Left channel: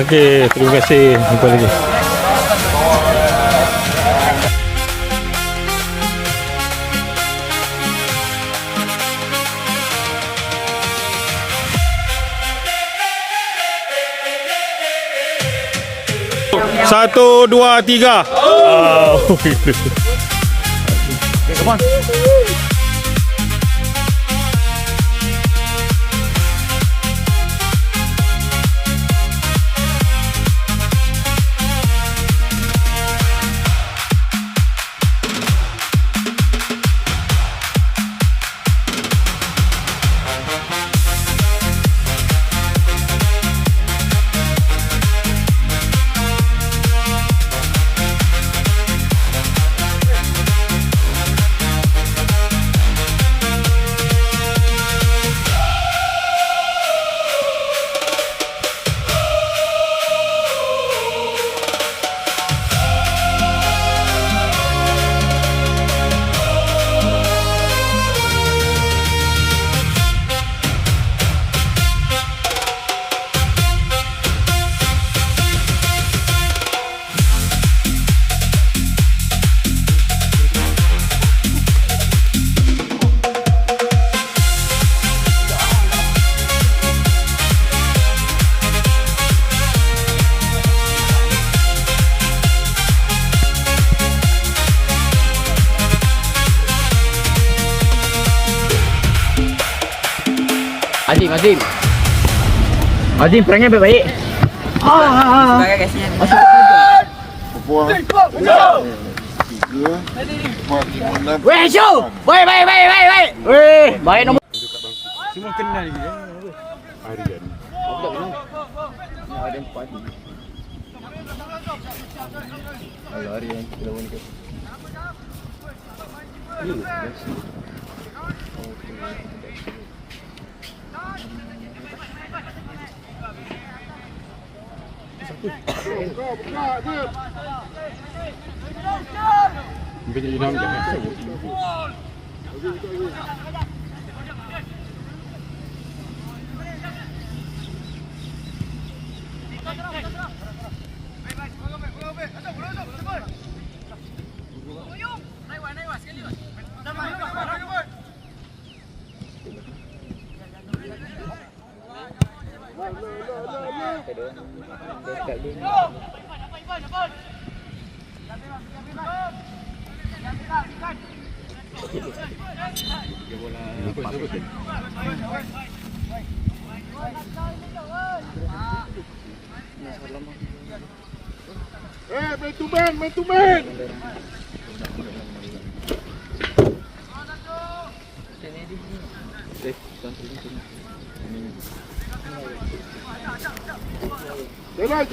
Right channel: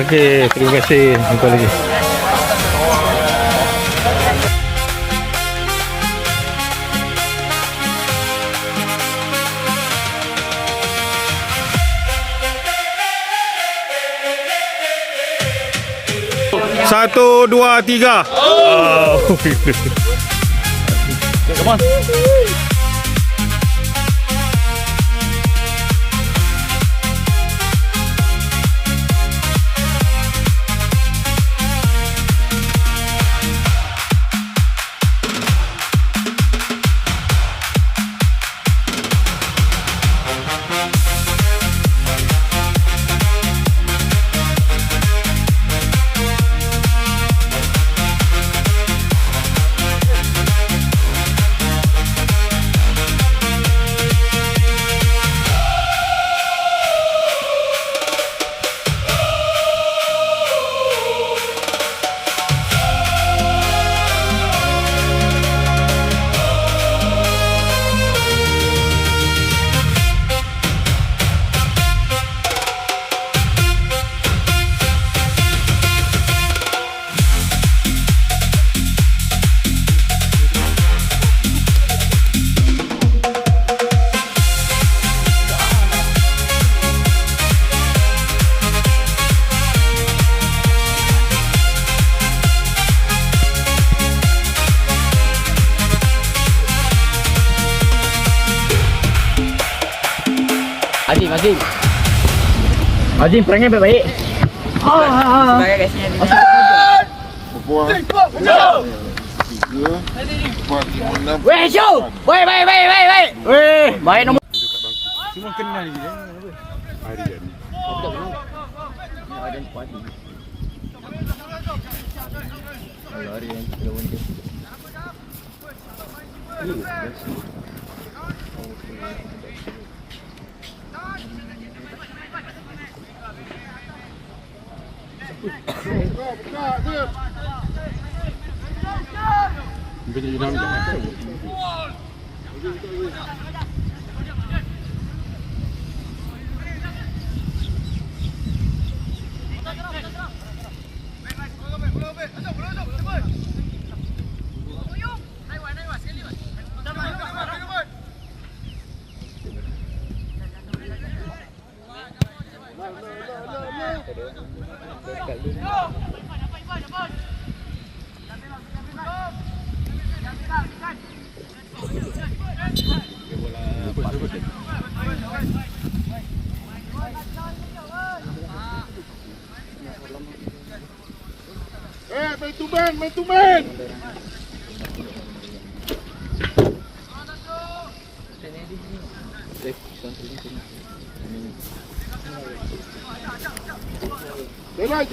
Okey, terima kasih. Jumpa lagi. Satu, dua, tiga. Azim perangnya baik-baik. Weh, show. Baik. Weh, baik nombor. Cuma kenal je. Hari ni. Ada pagi. Alah, hari yang kita lawan tu. Mungkin jadi nama jangan. Main to man. Jalan.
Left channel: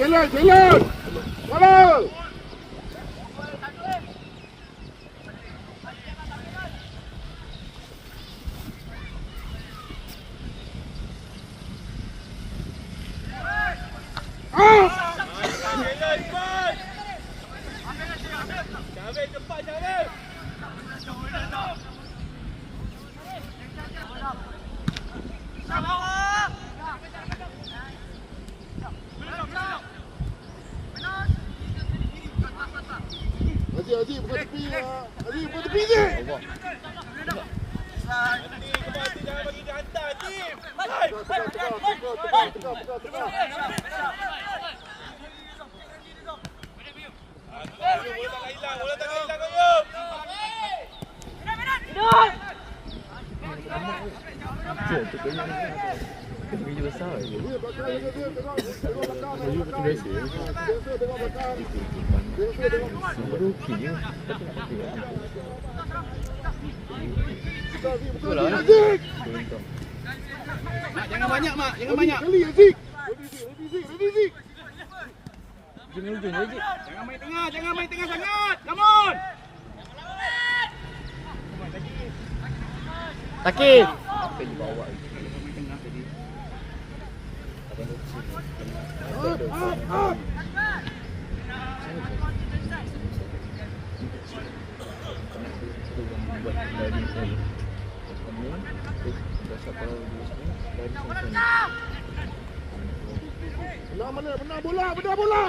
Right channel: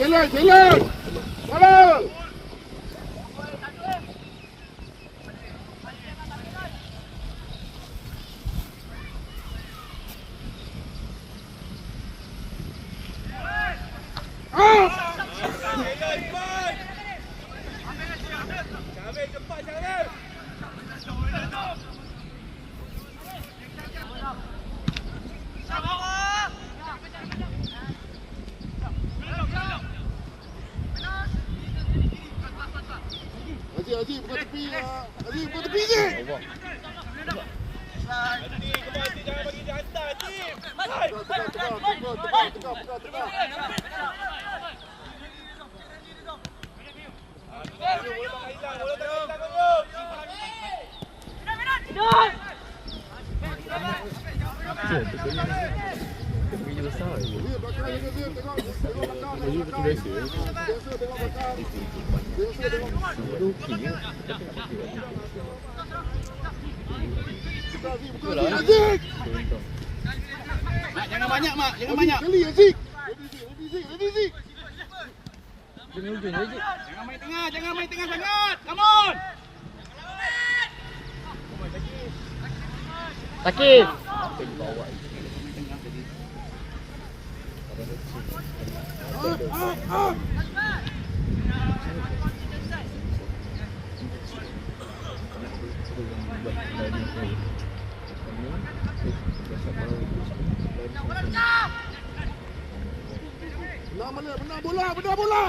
Haji, bukan tepi je. Biji besar je. Biji betul biasa. Nampak okey je. Tapi nak pakai baju. Betul lah. Jangan banyak, Mak. Jangan banyak. Kali Aziz. Aziz. Jangan hujung je, Cik. Jangan main tengah sangat. Come on. Takif. Benar bola.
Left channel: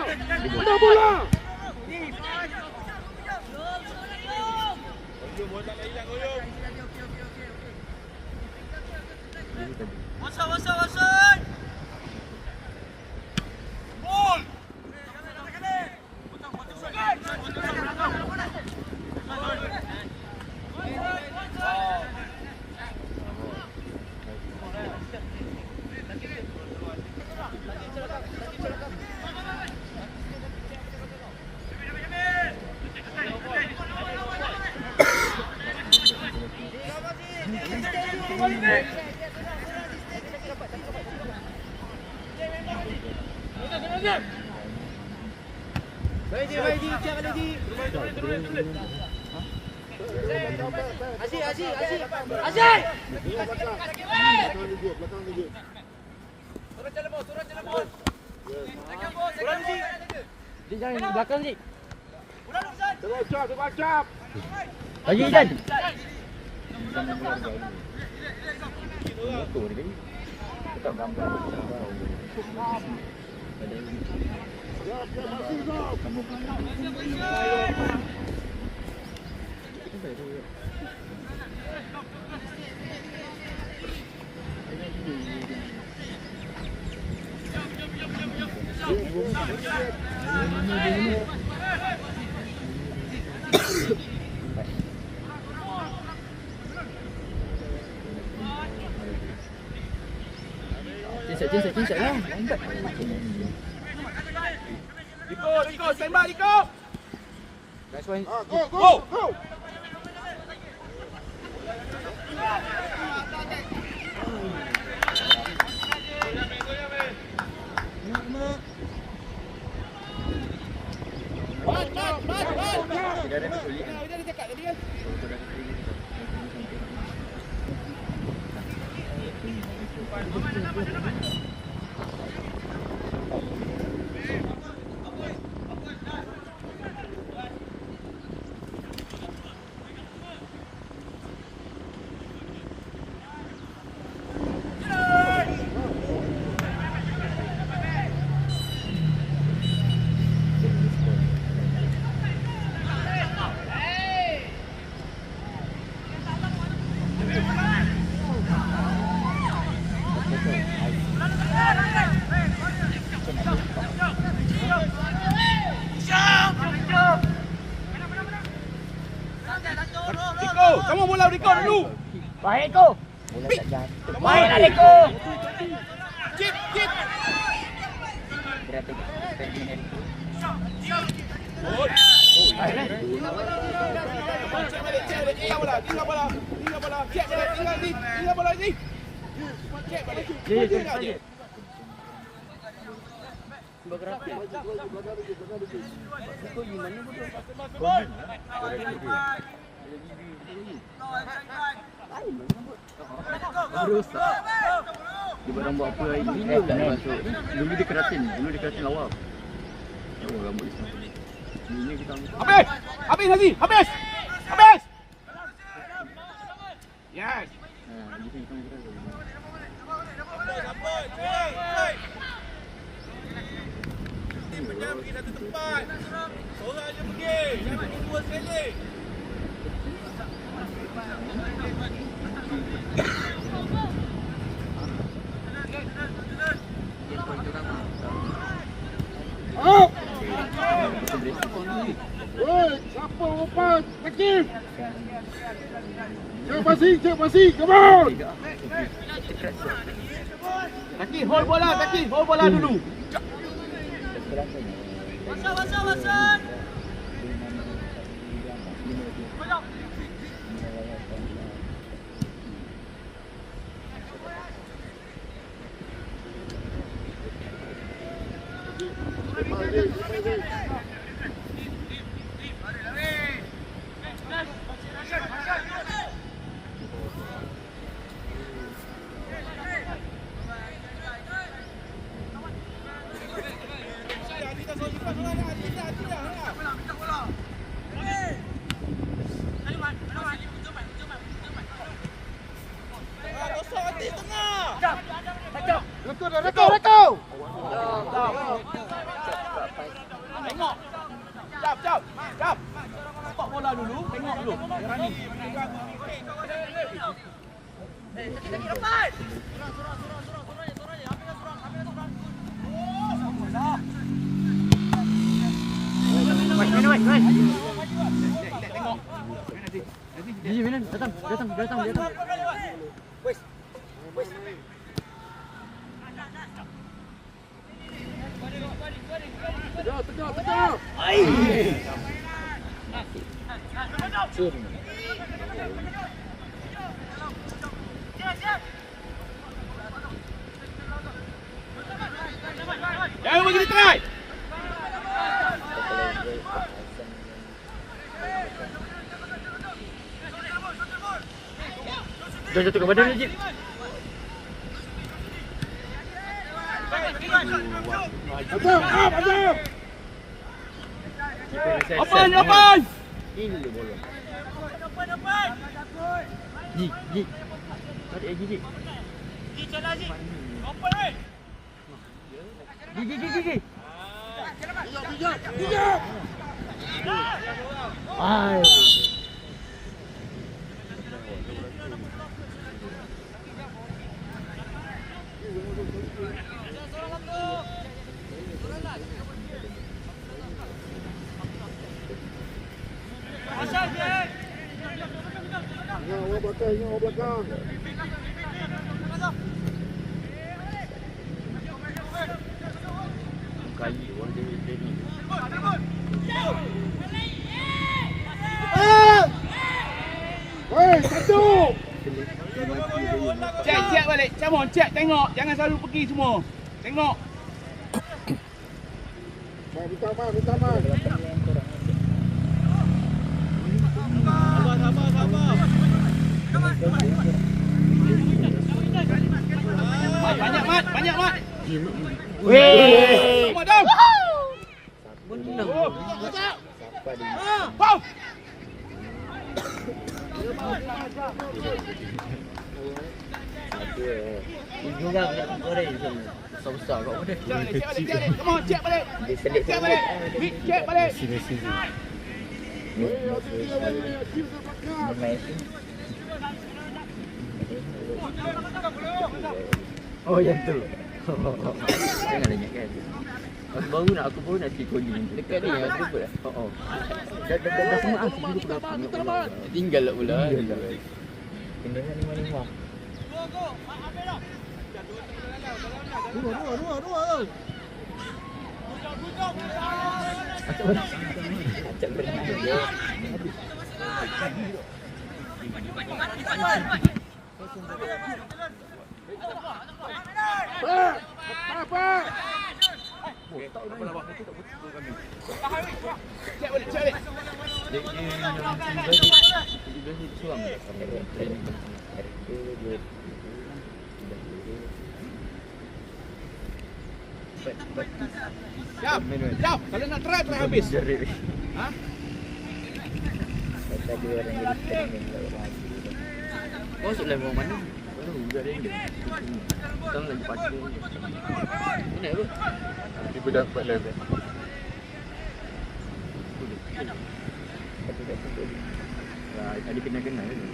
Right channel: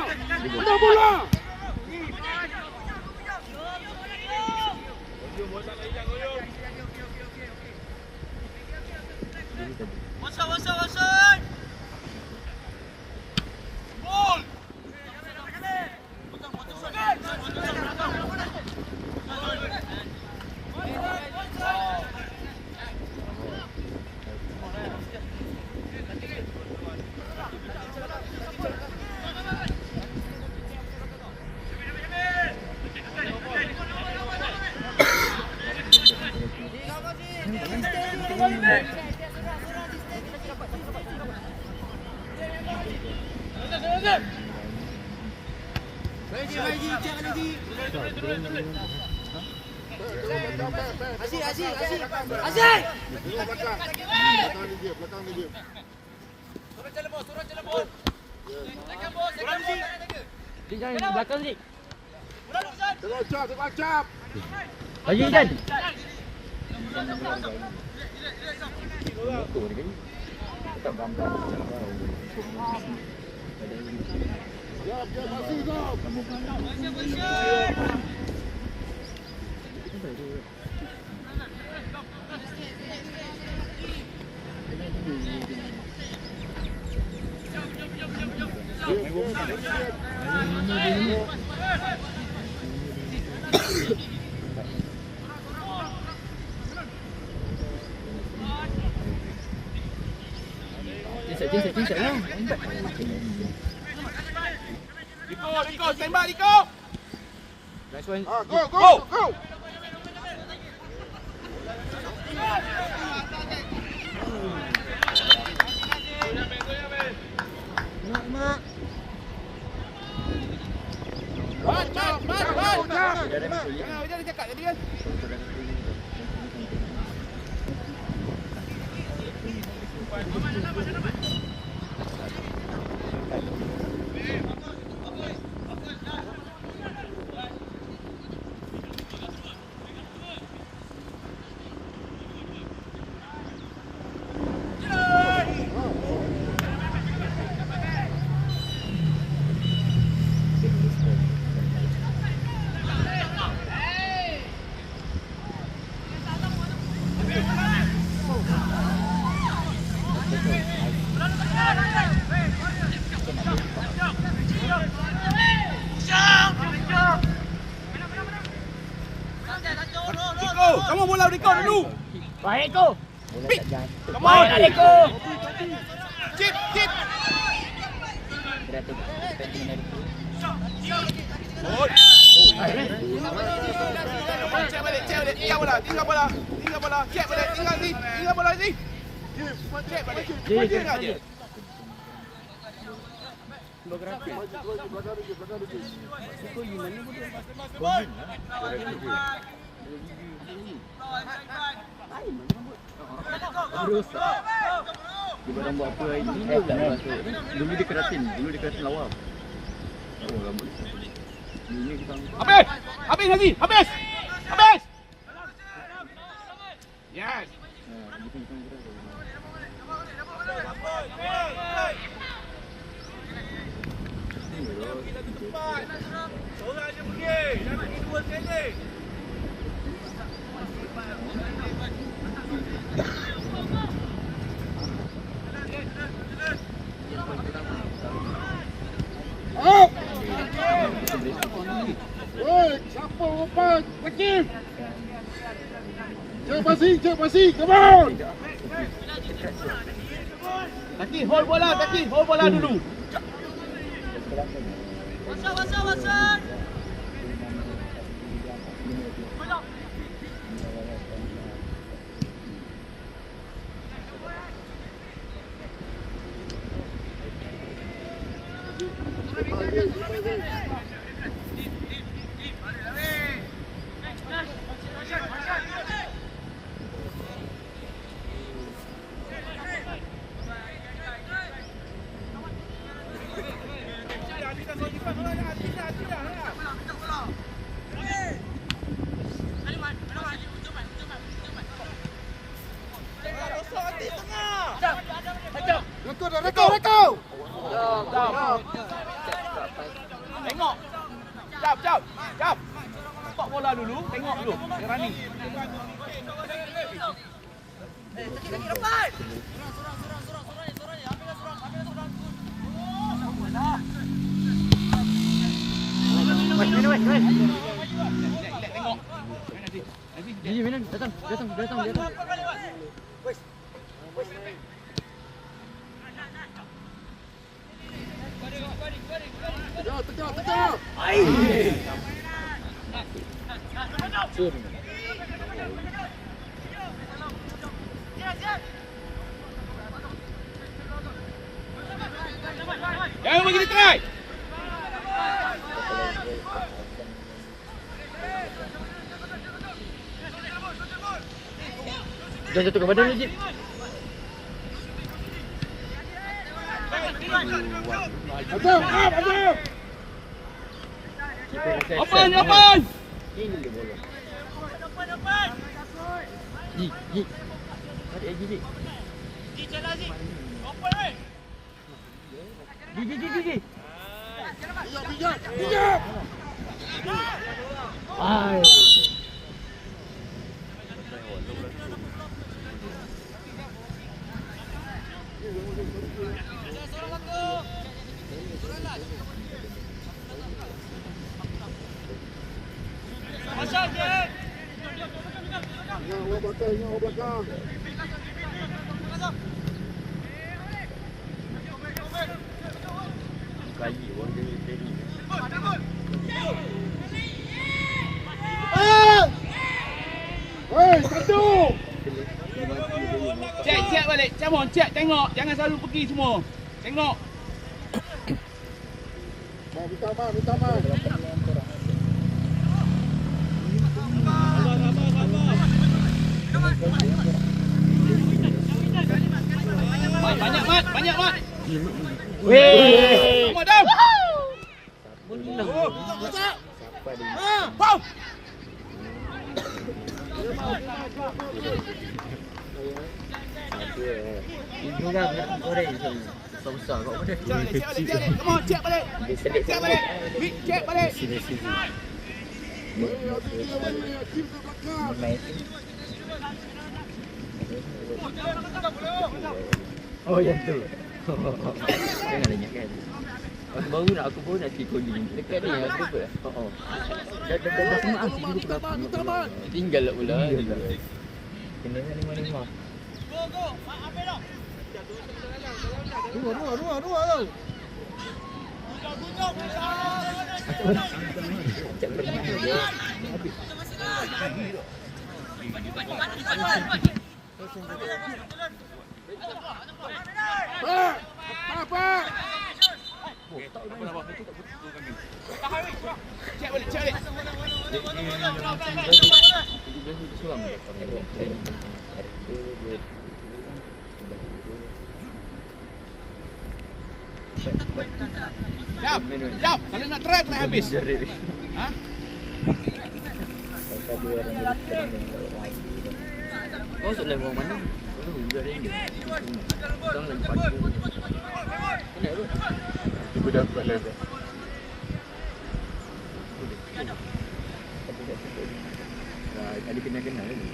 Jangan belakang ni. Tengok cap. Bagi kan. Tetap gambar. Cincak lah. Diko, stand by Diko. Go. Diko, kamu bola Diko dulu. Baik ko. Come on. Baik ko. Chip. Tinggal bola. Cek balik, tinggal bola ni. Cek balik. Berusak. Dia rambut apa hari ni? Dulu dia keratin lawak. Oh, rambut dia. Ini kita Habis Nazi, habis. Yes. Seorang aja pergi, jangan pergi dua sekali. Siapa open? Aktif. Cek pasti, come on. Taki, hold bola dulu. Wasan. Rekau. Jauh. Tok bola dulu, tengok dulu. Jangan ni. Datang. Tegak. Jangan bagi dia try. Jangan jatuh ke badan ni, Jip. Azam. Open. Ini dia bola. Ji. Tarik lagi, Ji. Ji. Bijak. Ah. Kali orang dia ni. Weh, satu. Cek balik. Come on, cek tengok. Jangan selalu pergi semua. Tengok. Minta maaf. Banyak, Mat. Weh. Semua down. Menang. Siapa dia? Wow. Ibu bang, korang ni besar-besar kat mana? Come on, cek balik. Dia selit Cek balik. Big cek balik. Sini. Main sini. Oh, yang tu. Jangan banyak kan. Aku baru nak cik coding. Dekat ni aku lupa. Dah semua asli dulu pula. Tinggal lah pula. Kena 5-5. Dua. Macam berenang je. Apa? Cek balik. Dia yang 17 ni seorang datang training. Jap. Kalau nak try habis. Ha? Kata dia orang yang training orang. Oh, sudah orang mana? Oh, sudah dia. Kita lagi pacu. Ini apa? Ibu dapat level. Tadi kena kan ni.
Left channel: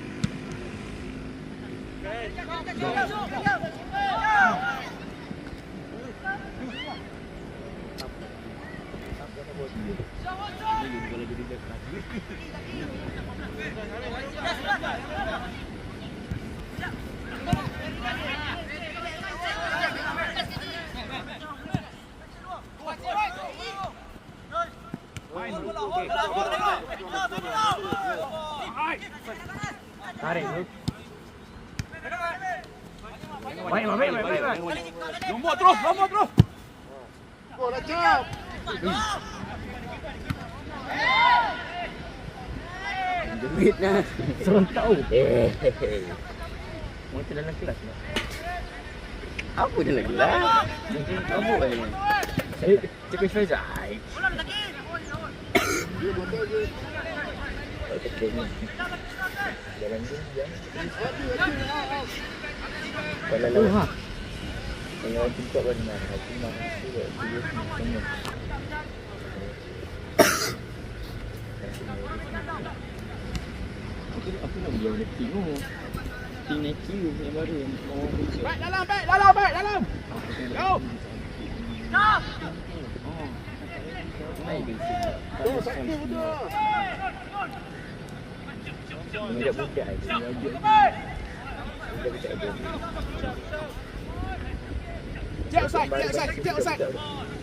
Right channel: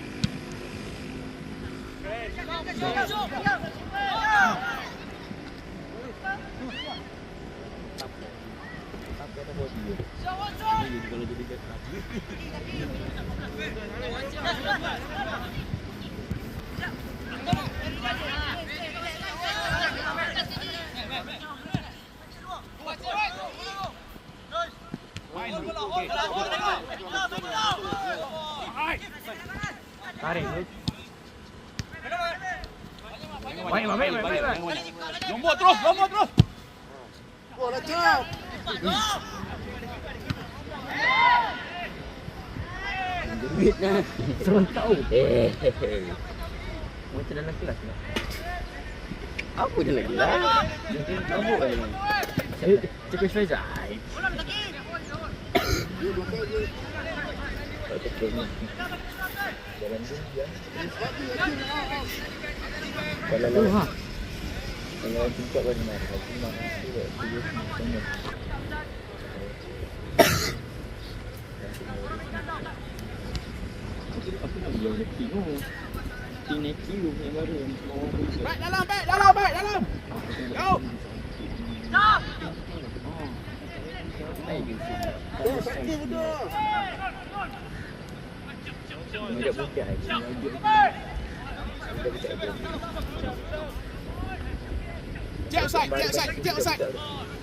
Tarik tu. Baik. Lombok terus. Bola jauh. Jerit lah. Seorang tahu. Macam dalam kelas tak? Apa dalam kelas? Lombok ni. Cakap saya jahit. Jalan dia. Kalau lawan. Kalau lawan tim kuat baru nak. Cuma tu dia tengok. Aku nak bilang dia tengok. Teenage you yang baru yang orang berusaha. Baik dalam, baik dalam, baik dalam. Go. Naik ke sini. Sakit dia. Budak-budak je. Budak-budak je. Check side, check side, check side.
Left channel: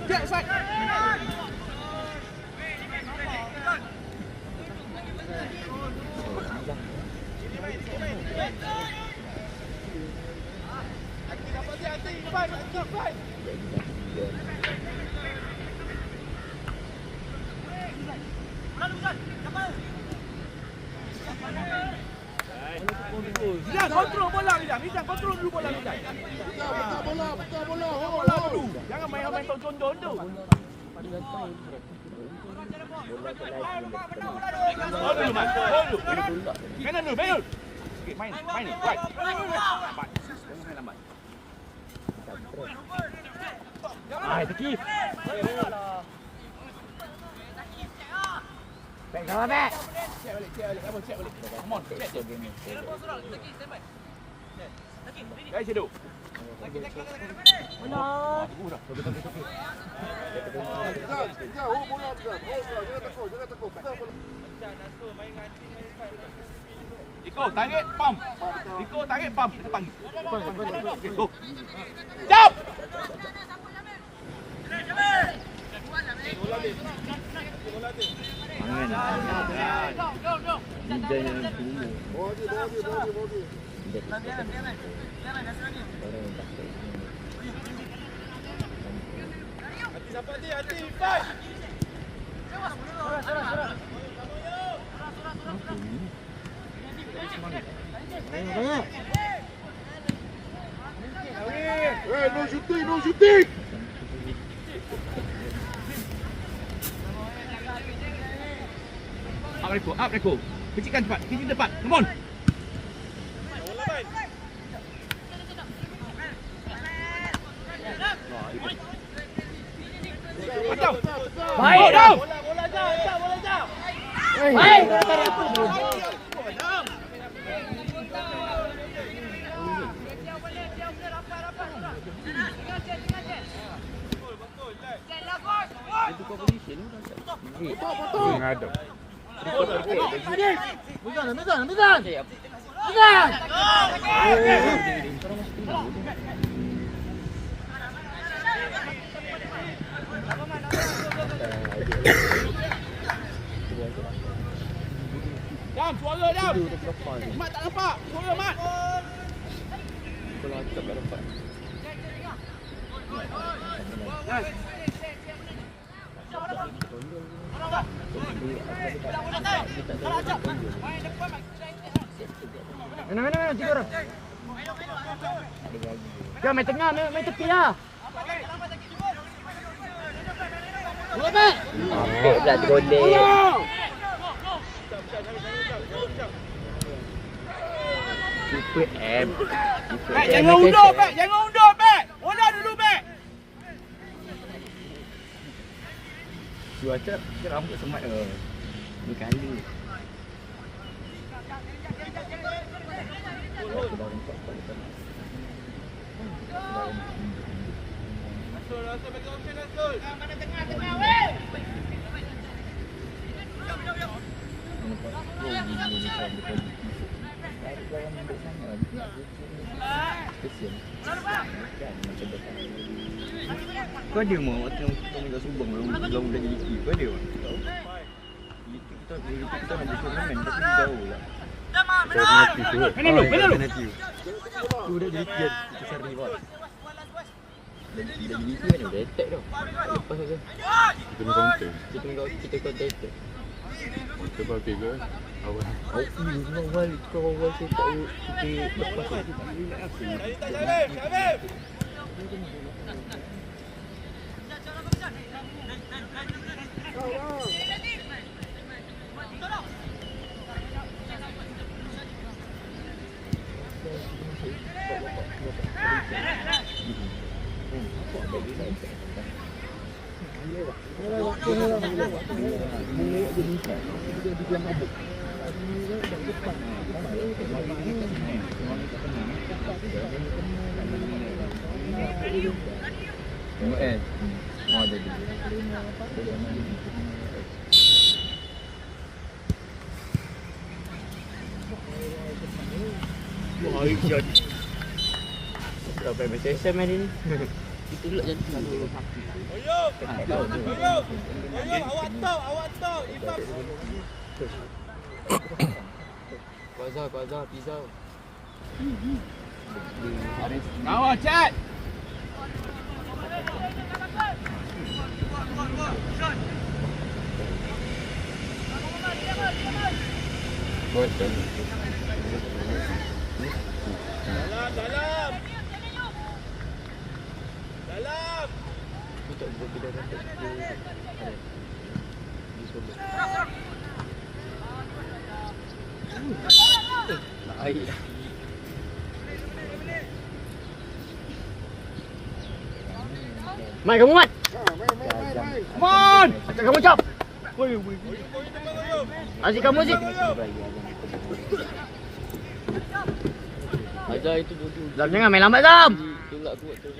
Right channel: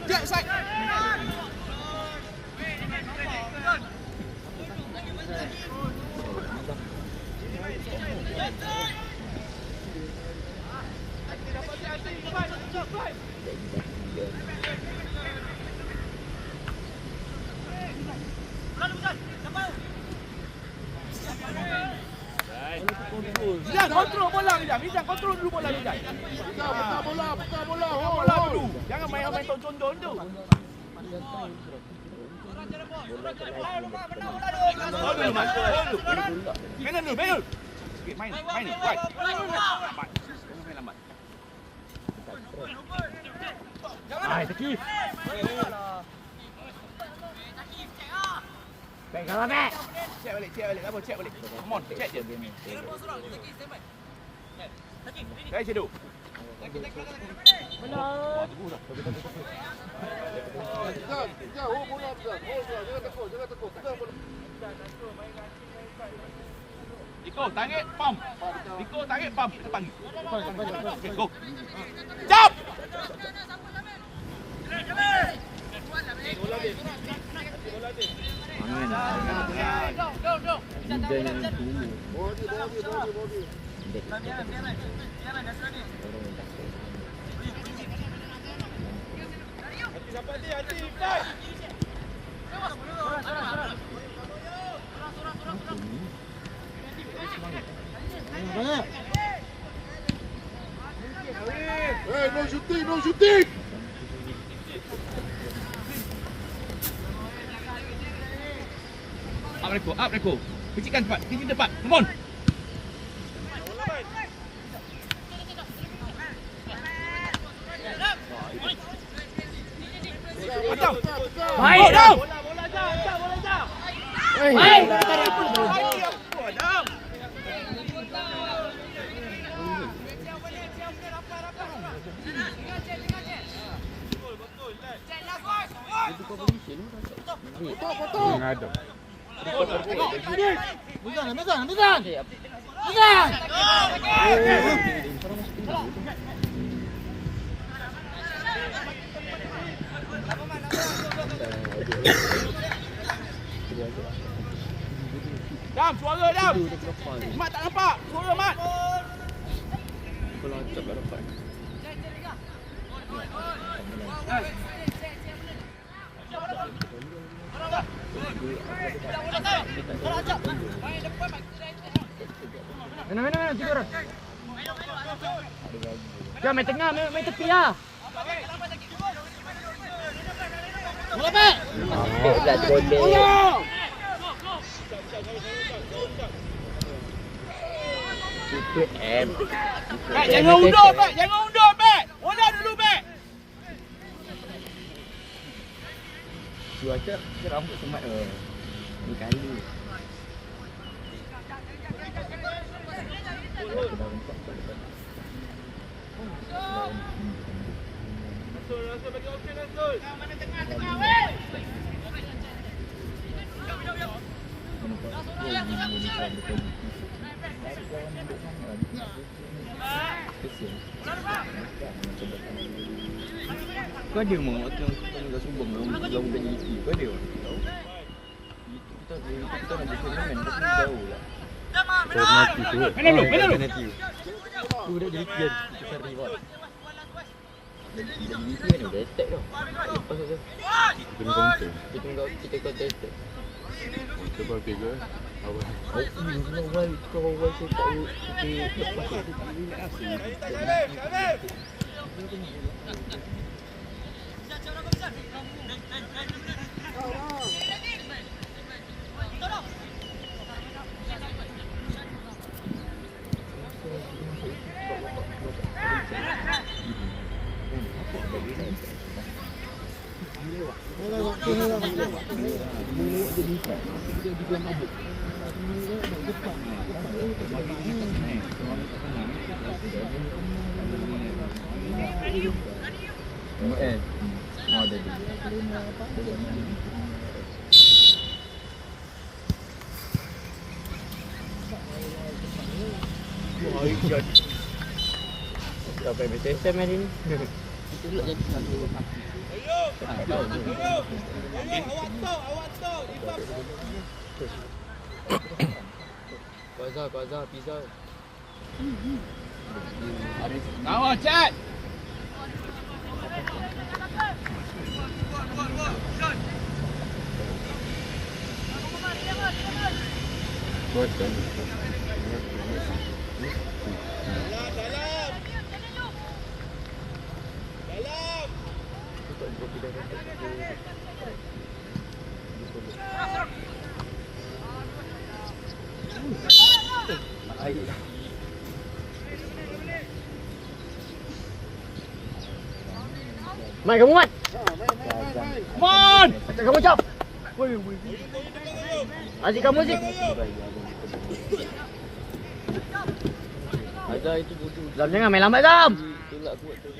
Check side. Lidah kontrol bola Lidah. Lidah kontrol dulu bola Lidah. Buka bola dulu. Jangan main kontrol tu. Bola kat lagi ni. Main dulu, main dulu. Sikit main ni. Right. Lambat. Sekarang main lambat. Ah, Taki. Baik, kawan baik. Check balik. Abang check balik. Come on, check je. Baik, Cedu. Hold bola besar. Jangan takut. Pegang bola. Riko, tarik, pam. Kita panggil. Okay, go. Jump! Liga yang dulu. Orang yang takut. Hati, fight! Banyak. No shooting. Up, Riko. Kecikkan cepat. Kiri depan. Come on. Baik. Itu kau polisi lu dah cakap. Ada. Medan. Orang masih tinggal tu. Dam, suara Dam. Dia dah berapa ni? Mat tak nampak. Suara Mat. Kalau tak dapat. Mana tiga orang. Jangan main tengah, main tepi lah. Dah golek. Keeper M. Jangan undur, Bek. Bola dulu, Bek. Cuaca rambut semat ni kali. Dah nampak kat depan. Kau ada mau waktu yang kita nak Subang long dari itu. Kau ada tak? Kita nak bermain tapi jauh lah. Alternatif tu. Alternatif. Tu dah jadi kita cari reward. Jadi itu kan dah attack tau. Lepas tu. Kita ni counter. Kita counter attack. Kita buat figure. Awal. Kau awal saya tak kita lepas tu. Mau ada dia. Berapa BCSM hari ni? Kita lihat je selalu mati. Kuasa, pizza. Nawar chat. Mai kamu Mat. Come on. Macam kamu cap. Asyik kamu sih. Azam itu bodoh. Zam jangan main lambat Zam. Tolak kuat tu.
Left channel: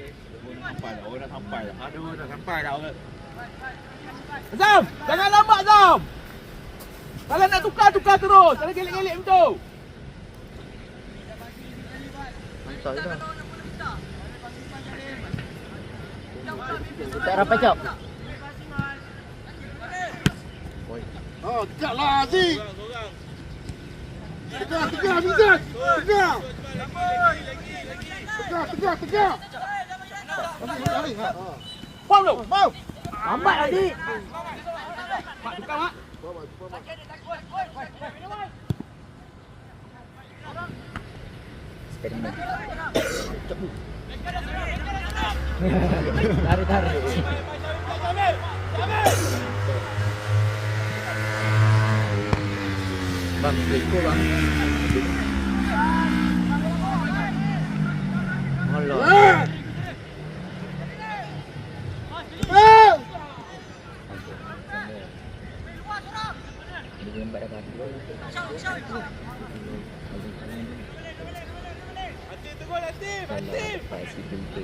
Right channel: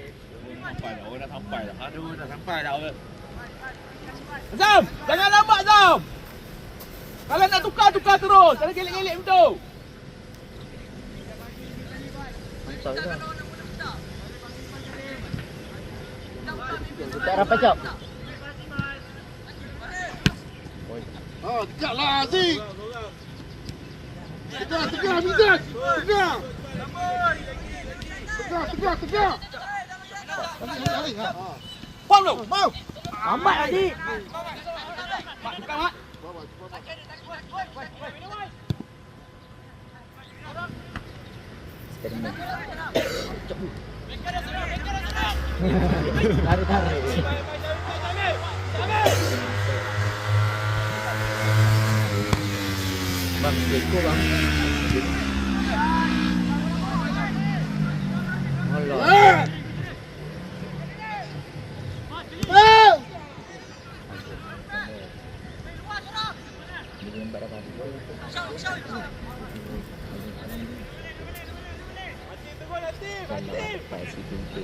Orang dah sampai dah. Aduh, dah sampai dah. Azam, jangan lambat Azam. Kalau nak tukar terus. Jangan gelek-gelek macam tu. Mantap dah. Tak rapat cap. Tegaklah Aziz. Tegak Mizan. Tegak. Puang dulu, mau. Lambat lagi. Mak tukar mak. Tarik. Bang, seko bang. Alah. Dia lembat dah kaki. Kalau dapat si pintu.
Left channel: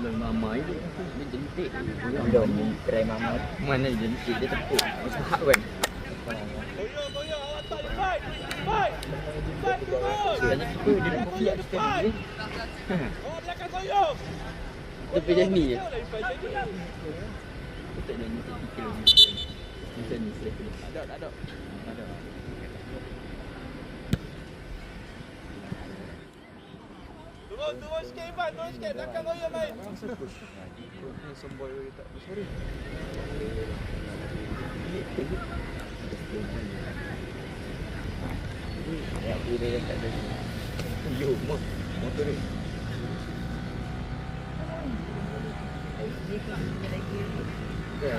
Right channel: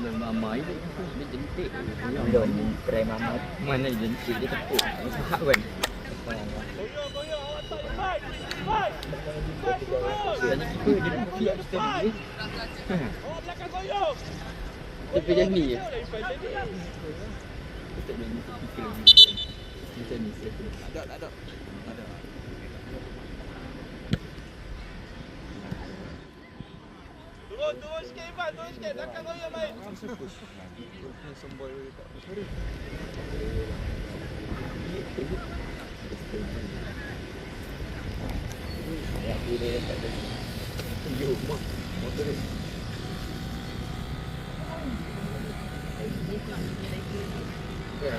Belum mama itu. Dia jentik. Belum try mama. Mana jentik dia tepuk. Sahak kan. Sebenarnya kita dia nak kopi kita ni. Tapi macam ni je. Kita tak nak fikir macam ni. Ada. Turun sikit Ivan, turun sikit. Takkan goyang main. Kau sembol tak besar. Ya, boleh tak ada. Yo, motor ni. Ya.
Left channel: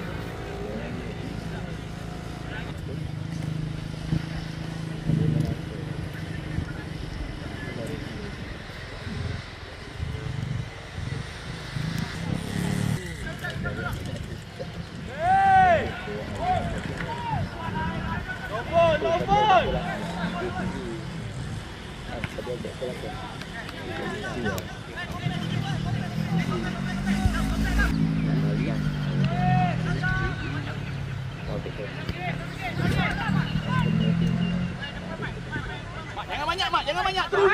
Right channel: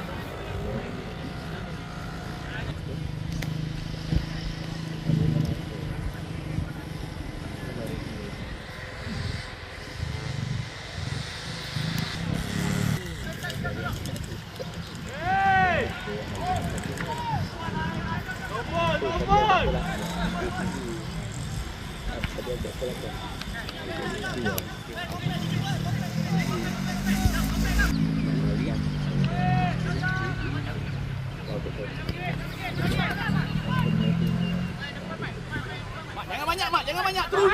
Jangan banyak. Terus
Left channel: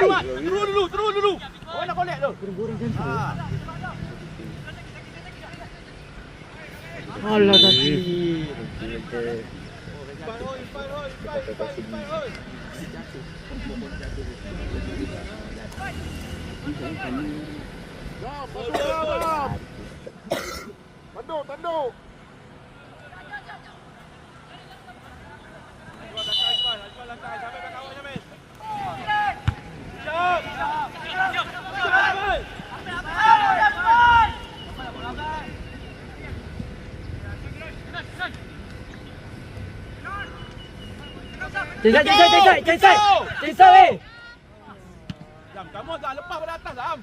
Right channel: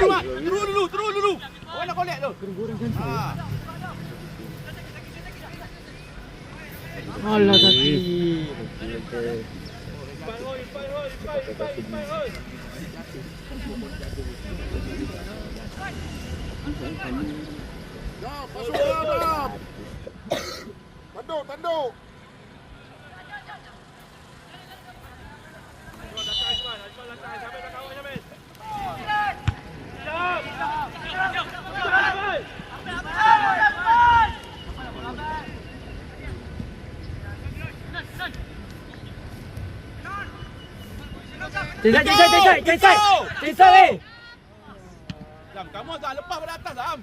dulu. Orang nak collect tu. Goreng jantung. Alah tadi. Tanduk. Cepat weh. Jam, kamu agak lepas pada atas Zam.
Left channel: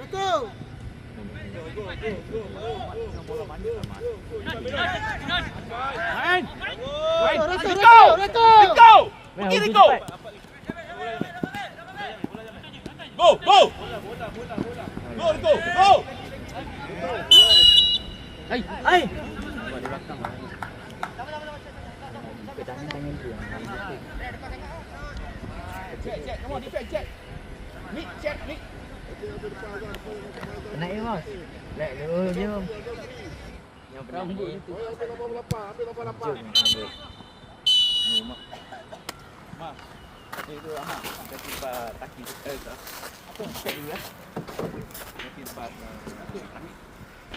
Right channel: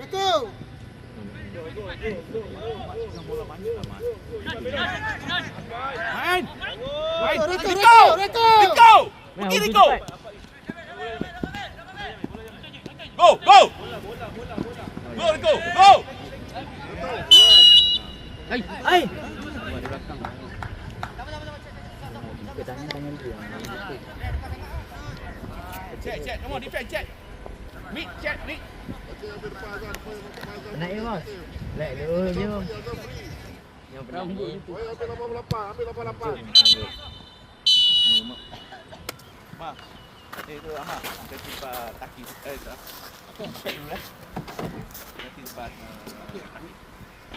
Betul. Main. Rico. Pergi Rico. Go. Go Rico. Go. Hai. Buat dia belakang. Ke tangan dia. Check. Come on, defend, check. Nick, check, Nick. Naik bos. Naik dulu dia. Yang rambut itu. Ambil 88. Nombor. Itu anak. Kita tiba taki kita. Apa? Dulu. Kita tiba kami.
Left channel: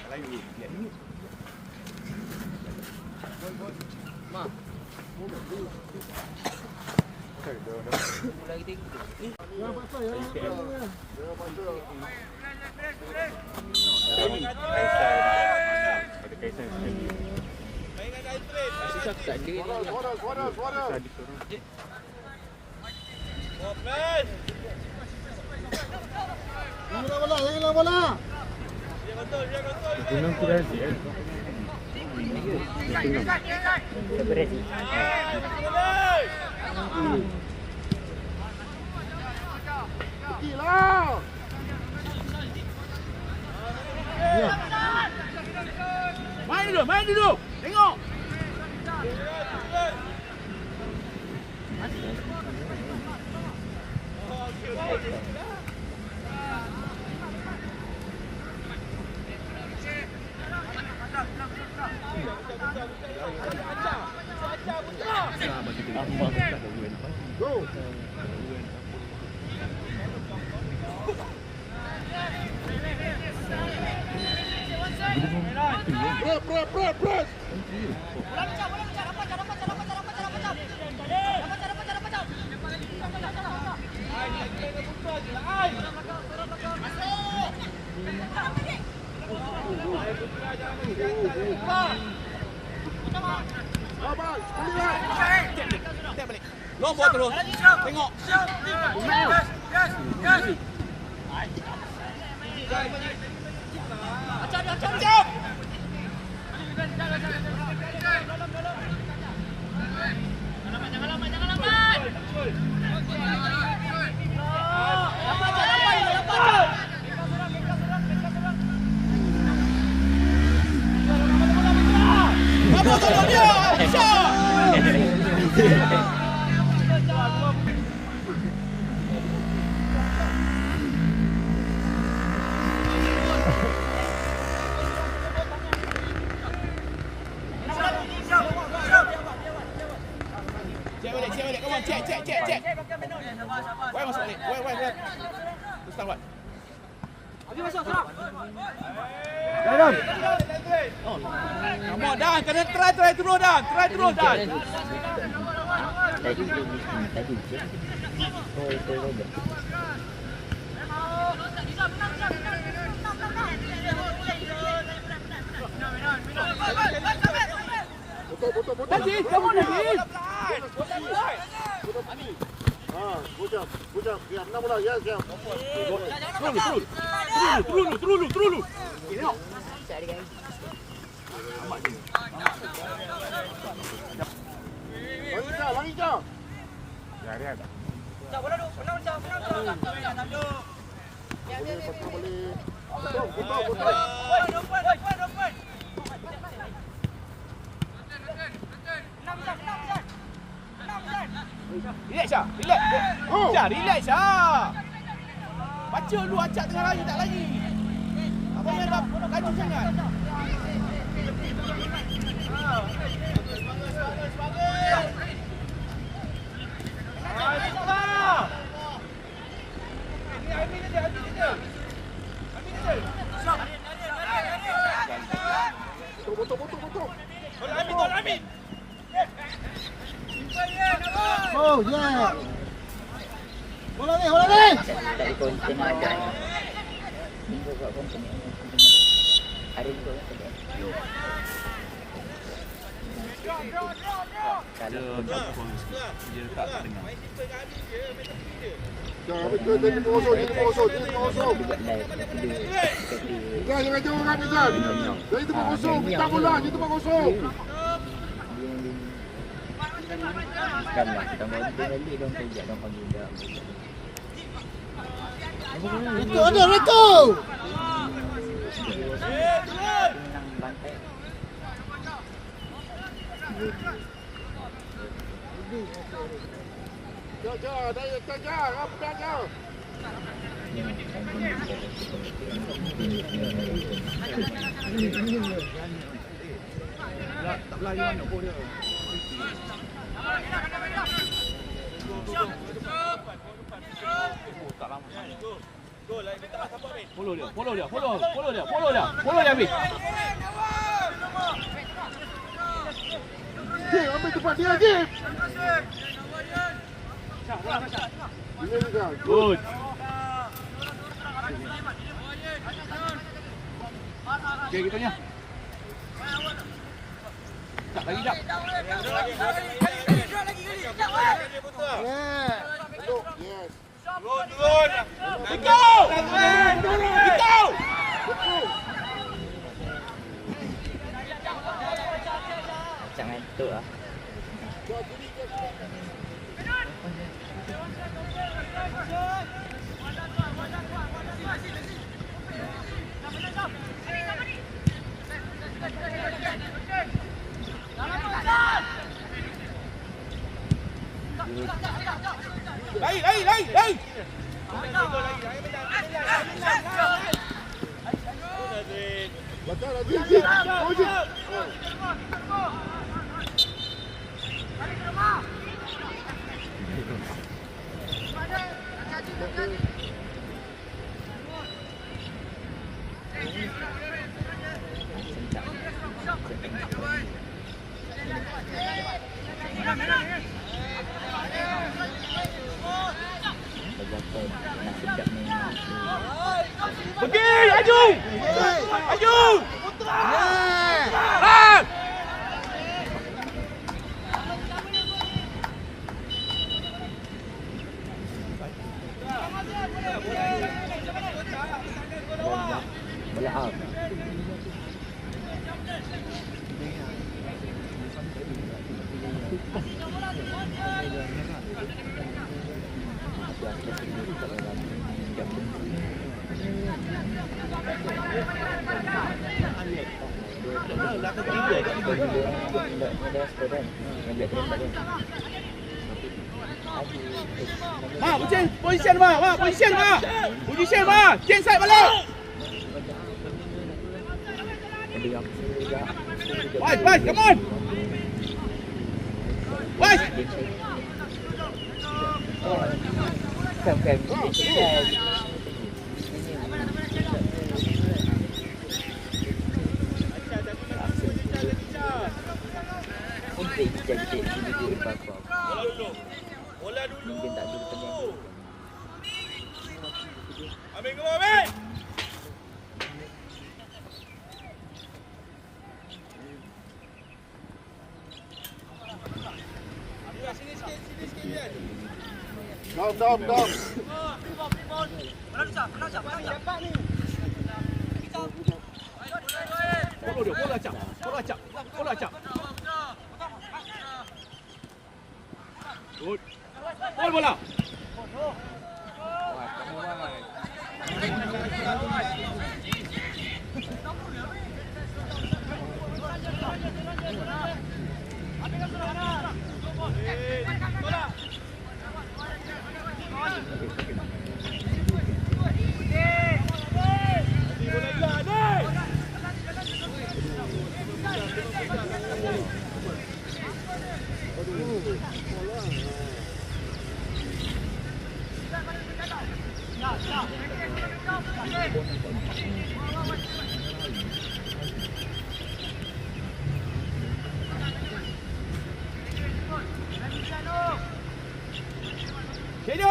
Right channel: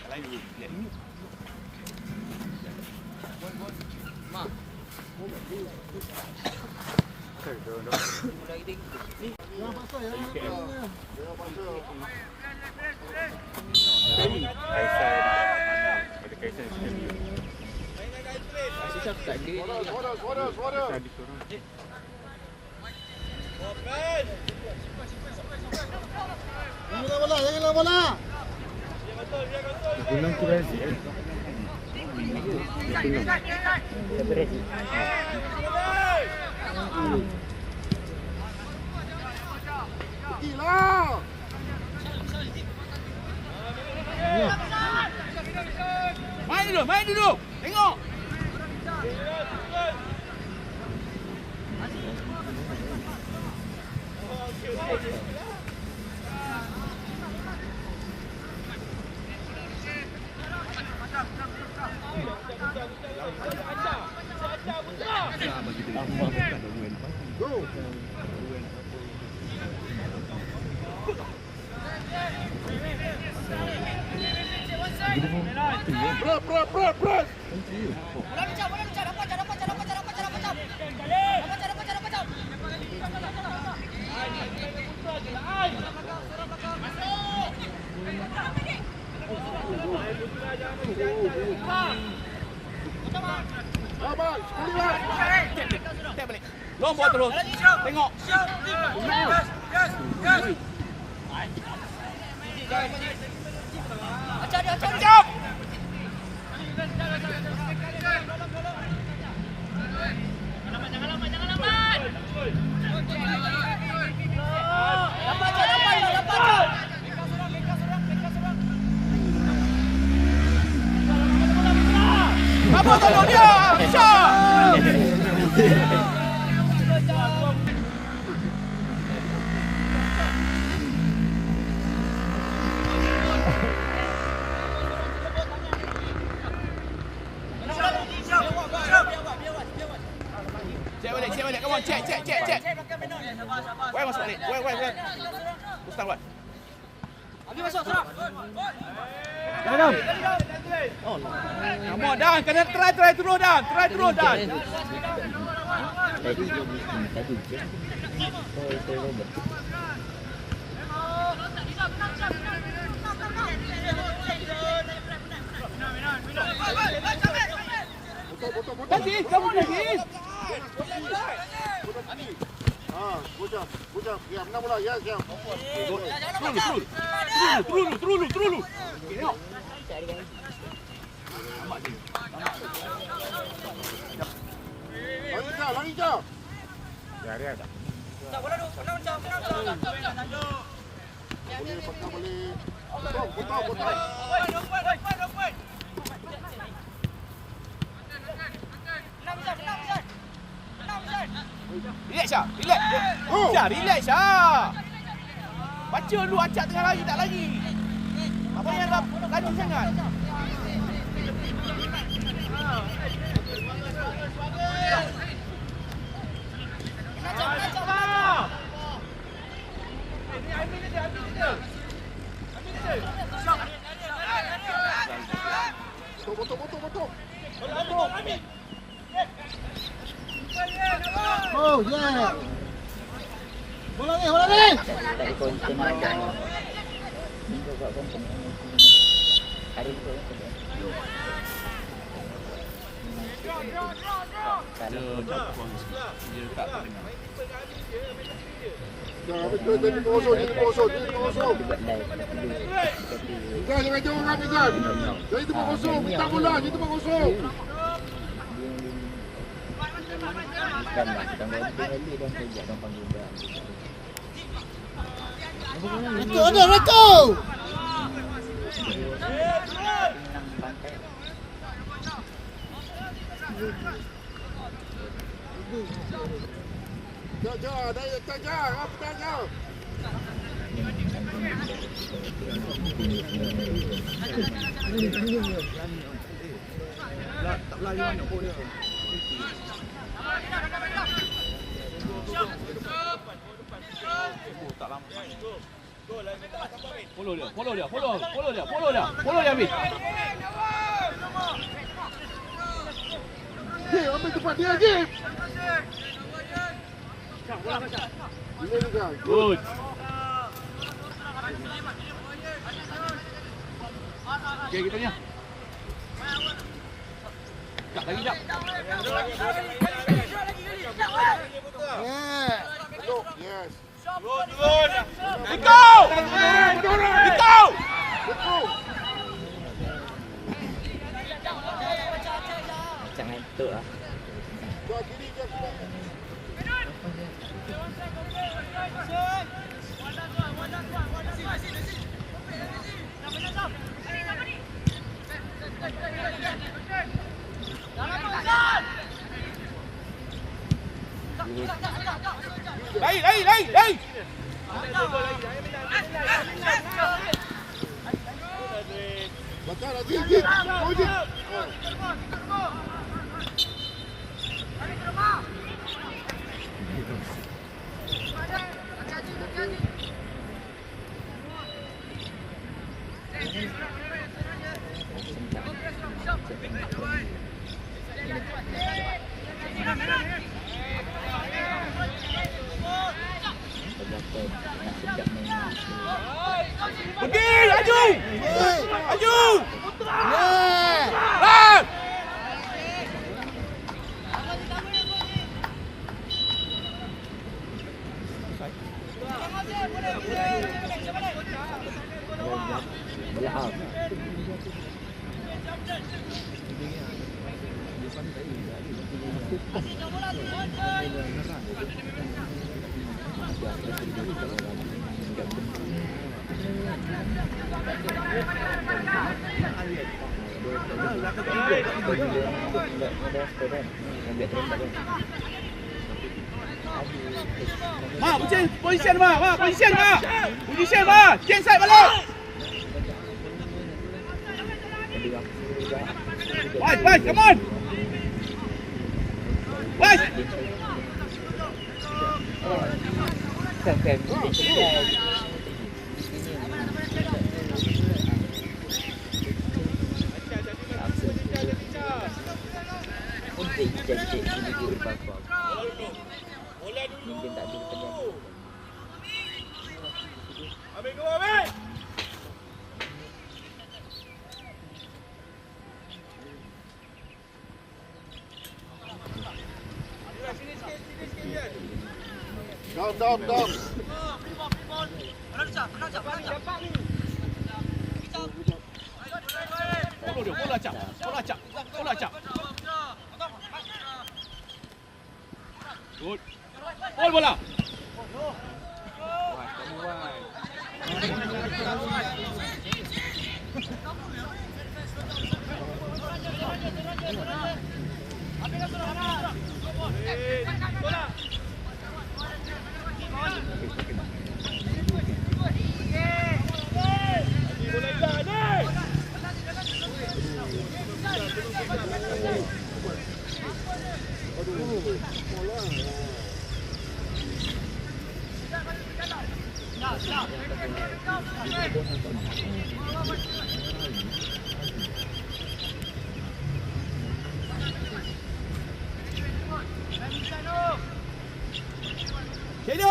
Lain dulu. Lihat ini. Nah. Suara. Hilang bola. Belum kira sih. Pergilah. Main dulu. Tengok. Press. Lompat terus. Tengok. Jangan lambat. Check. Wait, masuk balik. Wait. Terus tahu. Pergi masuk, serang. Dalam. Come on, Dan. Kena try turun, Dan. Tadi je. Oh, Robert. Betul. Lagi, come on lagi. Bujang. Ya, benar bola. Ya. Terus. Tengok. Lari kau. Relax Syah. Baca dulu acak tengah lari tak lari. Apa yang nak laju sangat? Betul. Oh, yeah. Bola ni. Tak ikut tengah ada. Minggu kat konten. Hari ni kau. Dia tak dengar. Jadi kosong. Buat live tapi dia Jangan jauh orang Mizan. Jadi tempat kosong, minta bola, jadi tempat kosong. dan lah kita mau beli dong kerja dong panggil dia. Itu ada betul. Menang pantai. Follow dia habis. Jim, ambil tempat dia, Jim. Ini juga. Good. Okey, kita tanya. Tak lagi tak. Yes. Betul. Betul. Macam ngantuk lah. Lari. Jim, Jim. Oh, Jim. Pergi, aju. Bola out. Position mah. Jeng side balik. Boys, come on. Boys. Sampai bola dulu. Ambil ke bawah. Down. Bola acak. Good. Bola.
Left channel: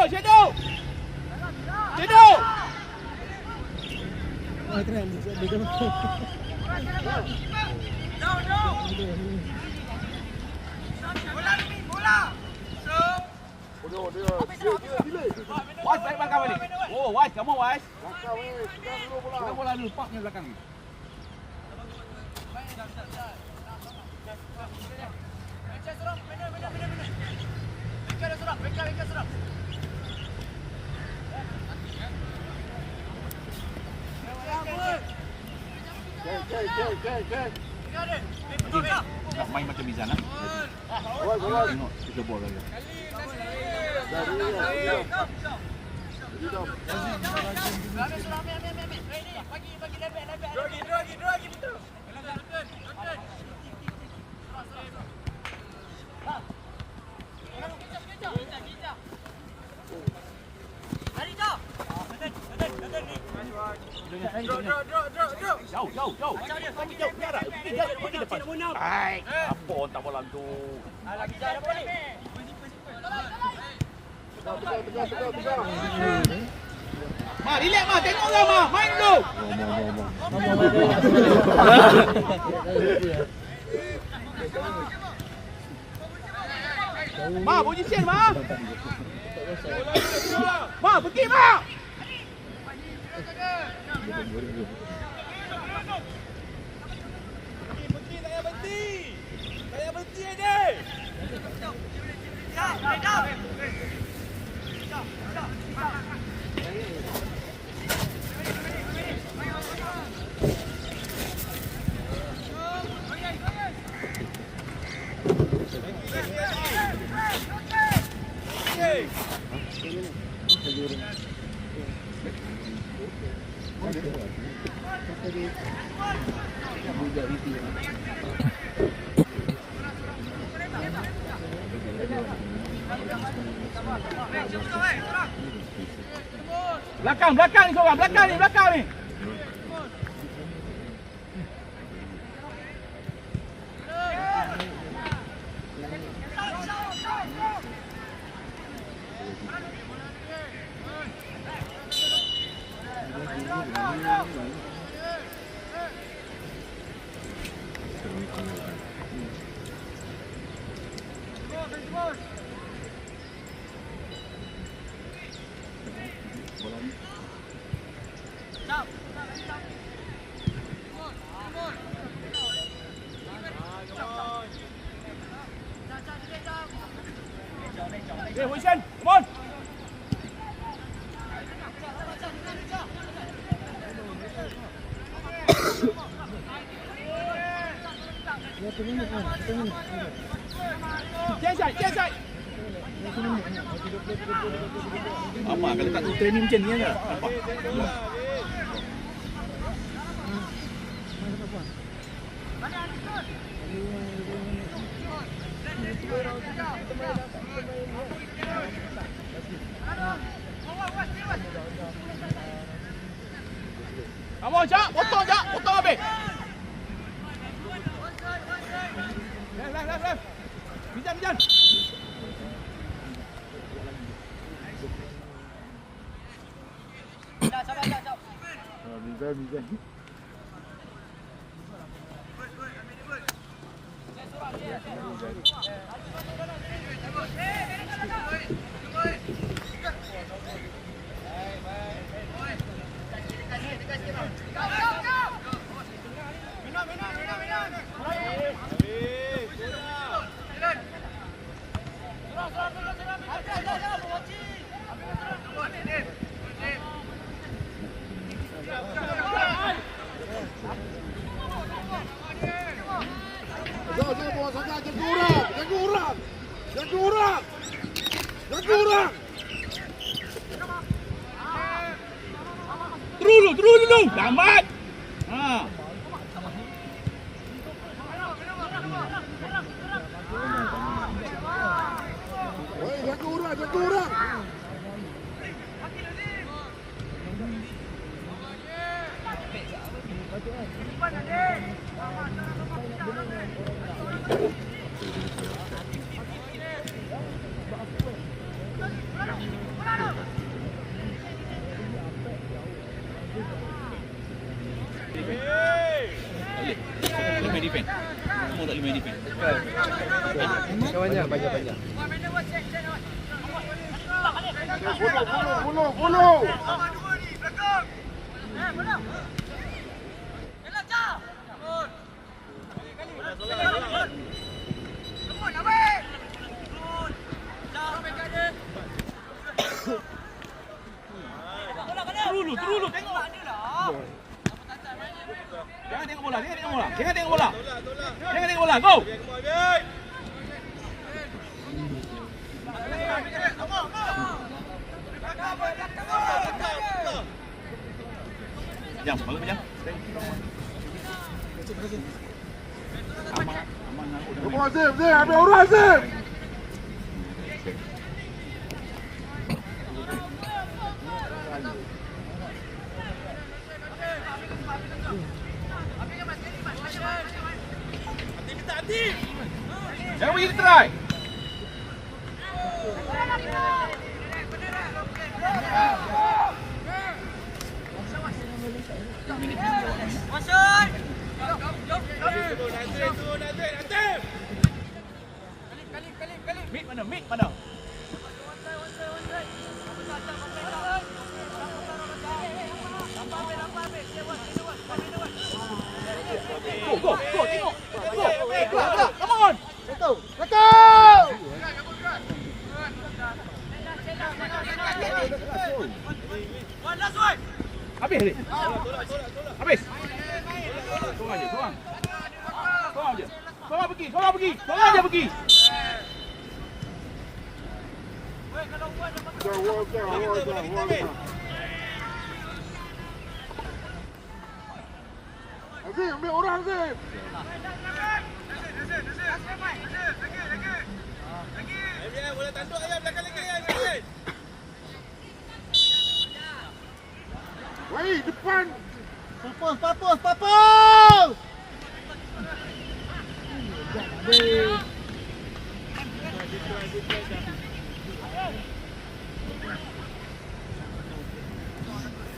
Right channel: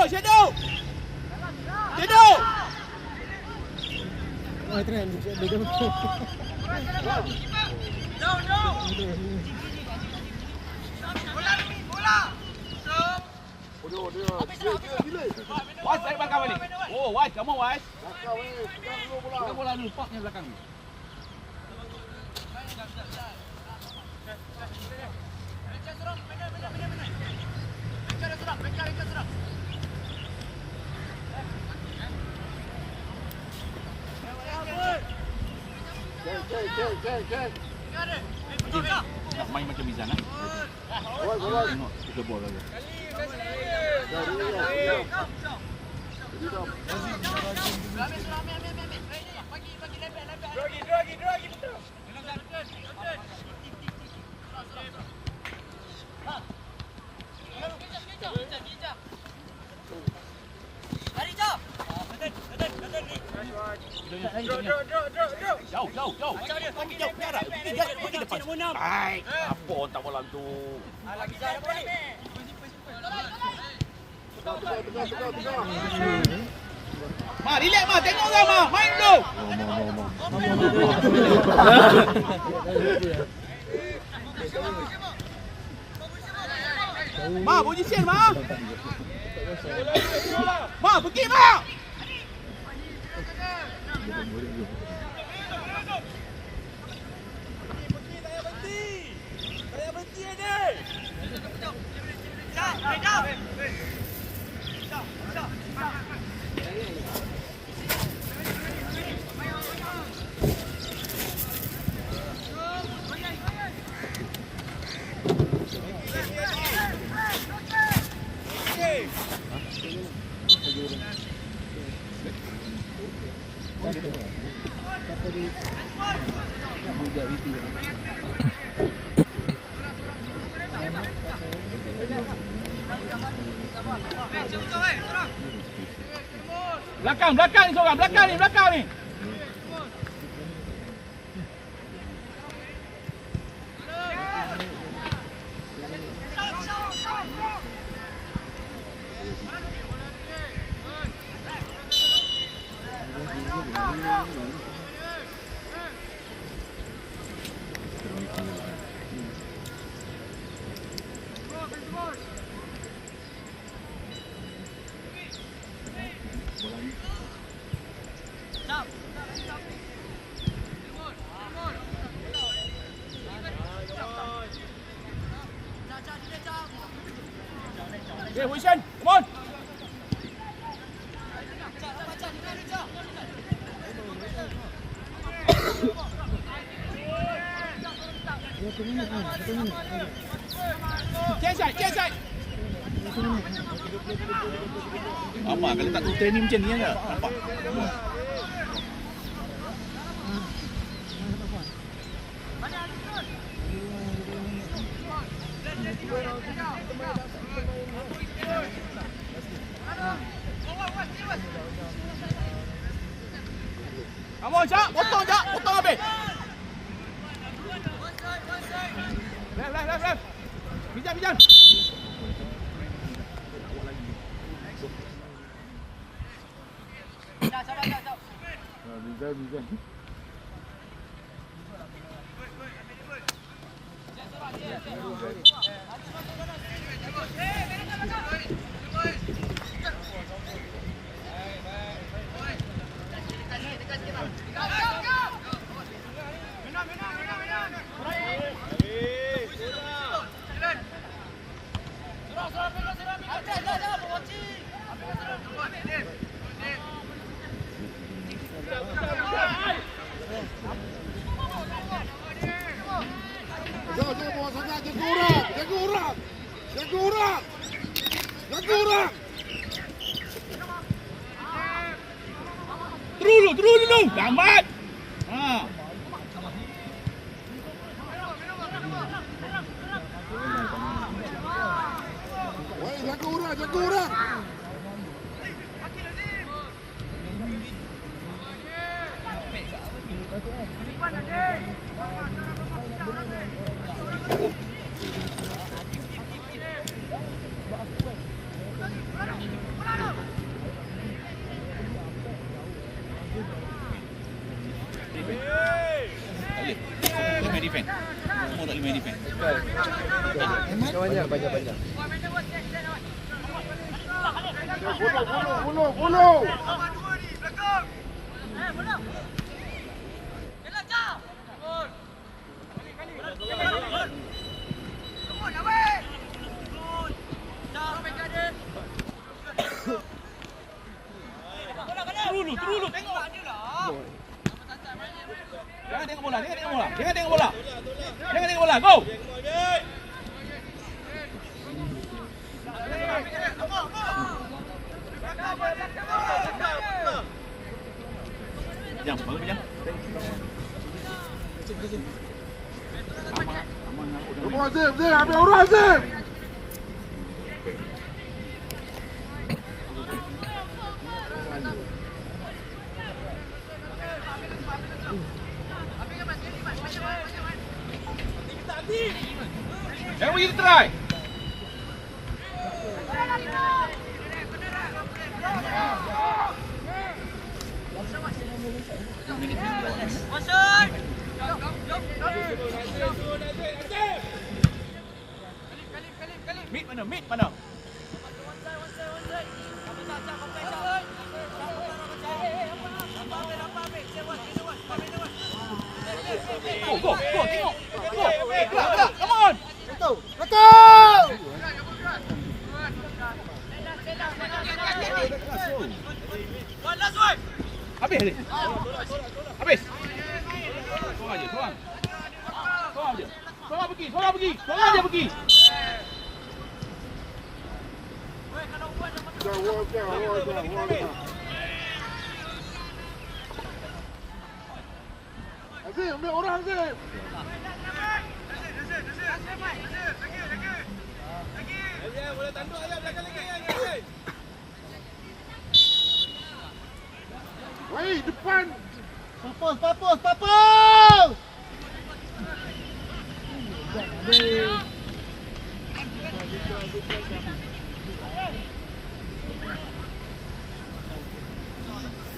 Shadow. Bola. What's Oh, Wais, kamu Wais. Belakang pegang dulu bola. Pegang bola dulu, paknya belakang ni. Cek. Nak main macam Mizan lah. Awal. Tengok, tiga bola lagi. Jauh. Pergi depan. Hai. Apa tak bola tu? Ma, relax Ma, tengok orang Ma, main tu. Ma, position Ma. Ma, pergi Ma. Saya berhenti ni. Jauh. Belakang ni seorang, belakang ni. Okay, position. Come on. Change side. Apa kalau tak tutup ni macam ni lah. Nampak. Kamu Cak, potong habis. Left. Bijan. Bisa. Terus dulu. Lambat. Ha. Jaga orang. Lima defend. Semua tak 5 defend. Banyak. Follow. Dulu tengok. Jangan tengok bola. Jangan tengok bola. Go. Jam, bagus jam. Come on, Zim. Ambil orang, Zim. Jangan pergi try. Mid mana? Go, tengok. Go. Gerak, come on. Habis. Sorang aja pergi. Walk down. Azim, ambil orang, Azim. Boleh tanduk aja belakang lagi. Wei, depan. Papus.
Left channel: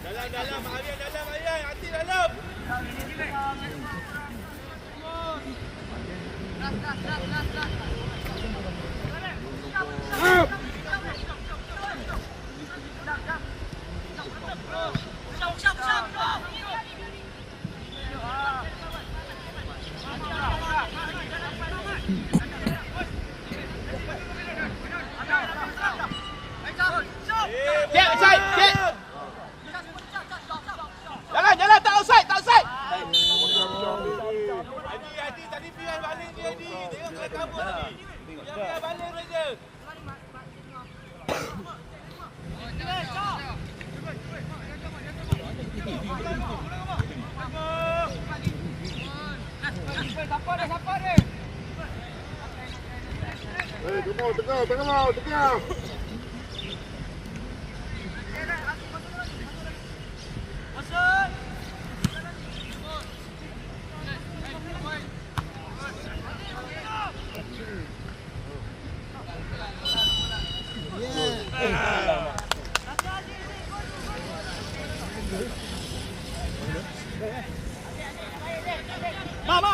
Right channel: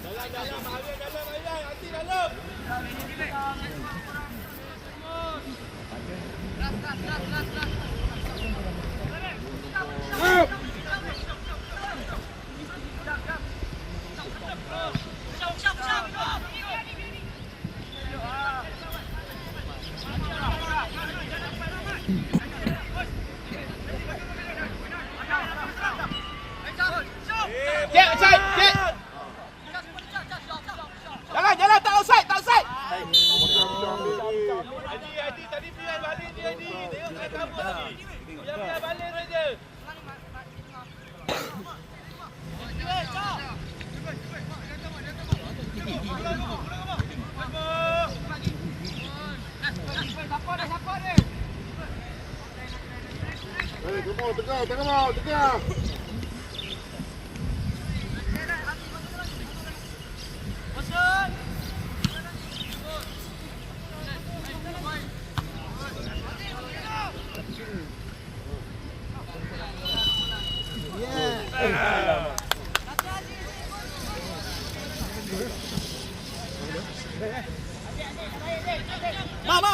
Dalam ayah, hati dalam. Jalan, tak offside. Tadi biar balik dia ni. Tengok kat kamu tadi. Biar balik saja. Tengah.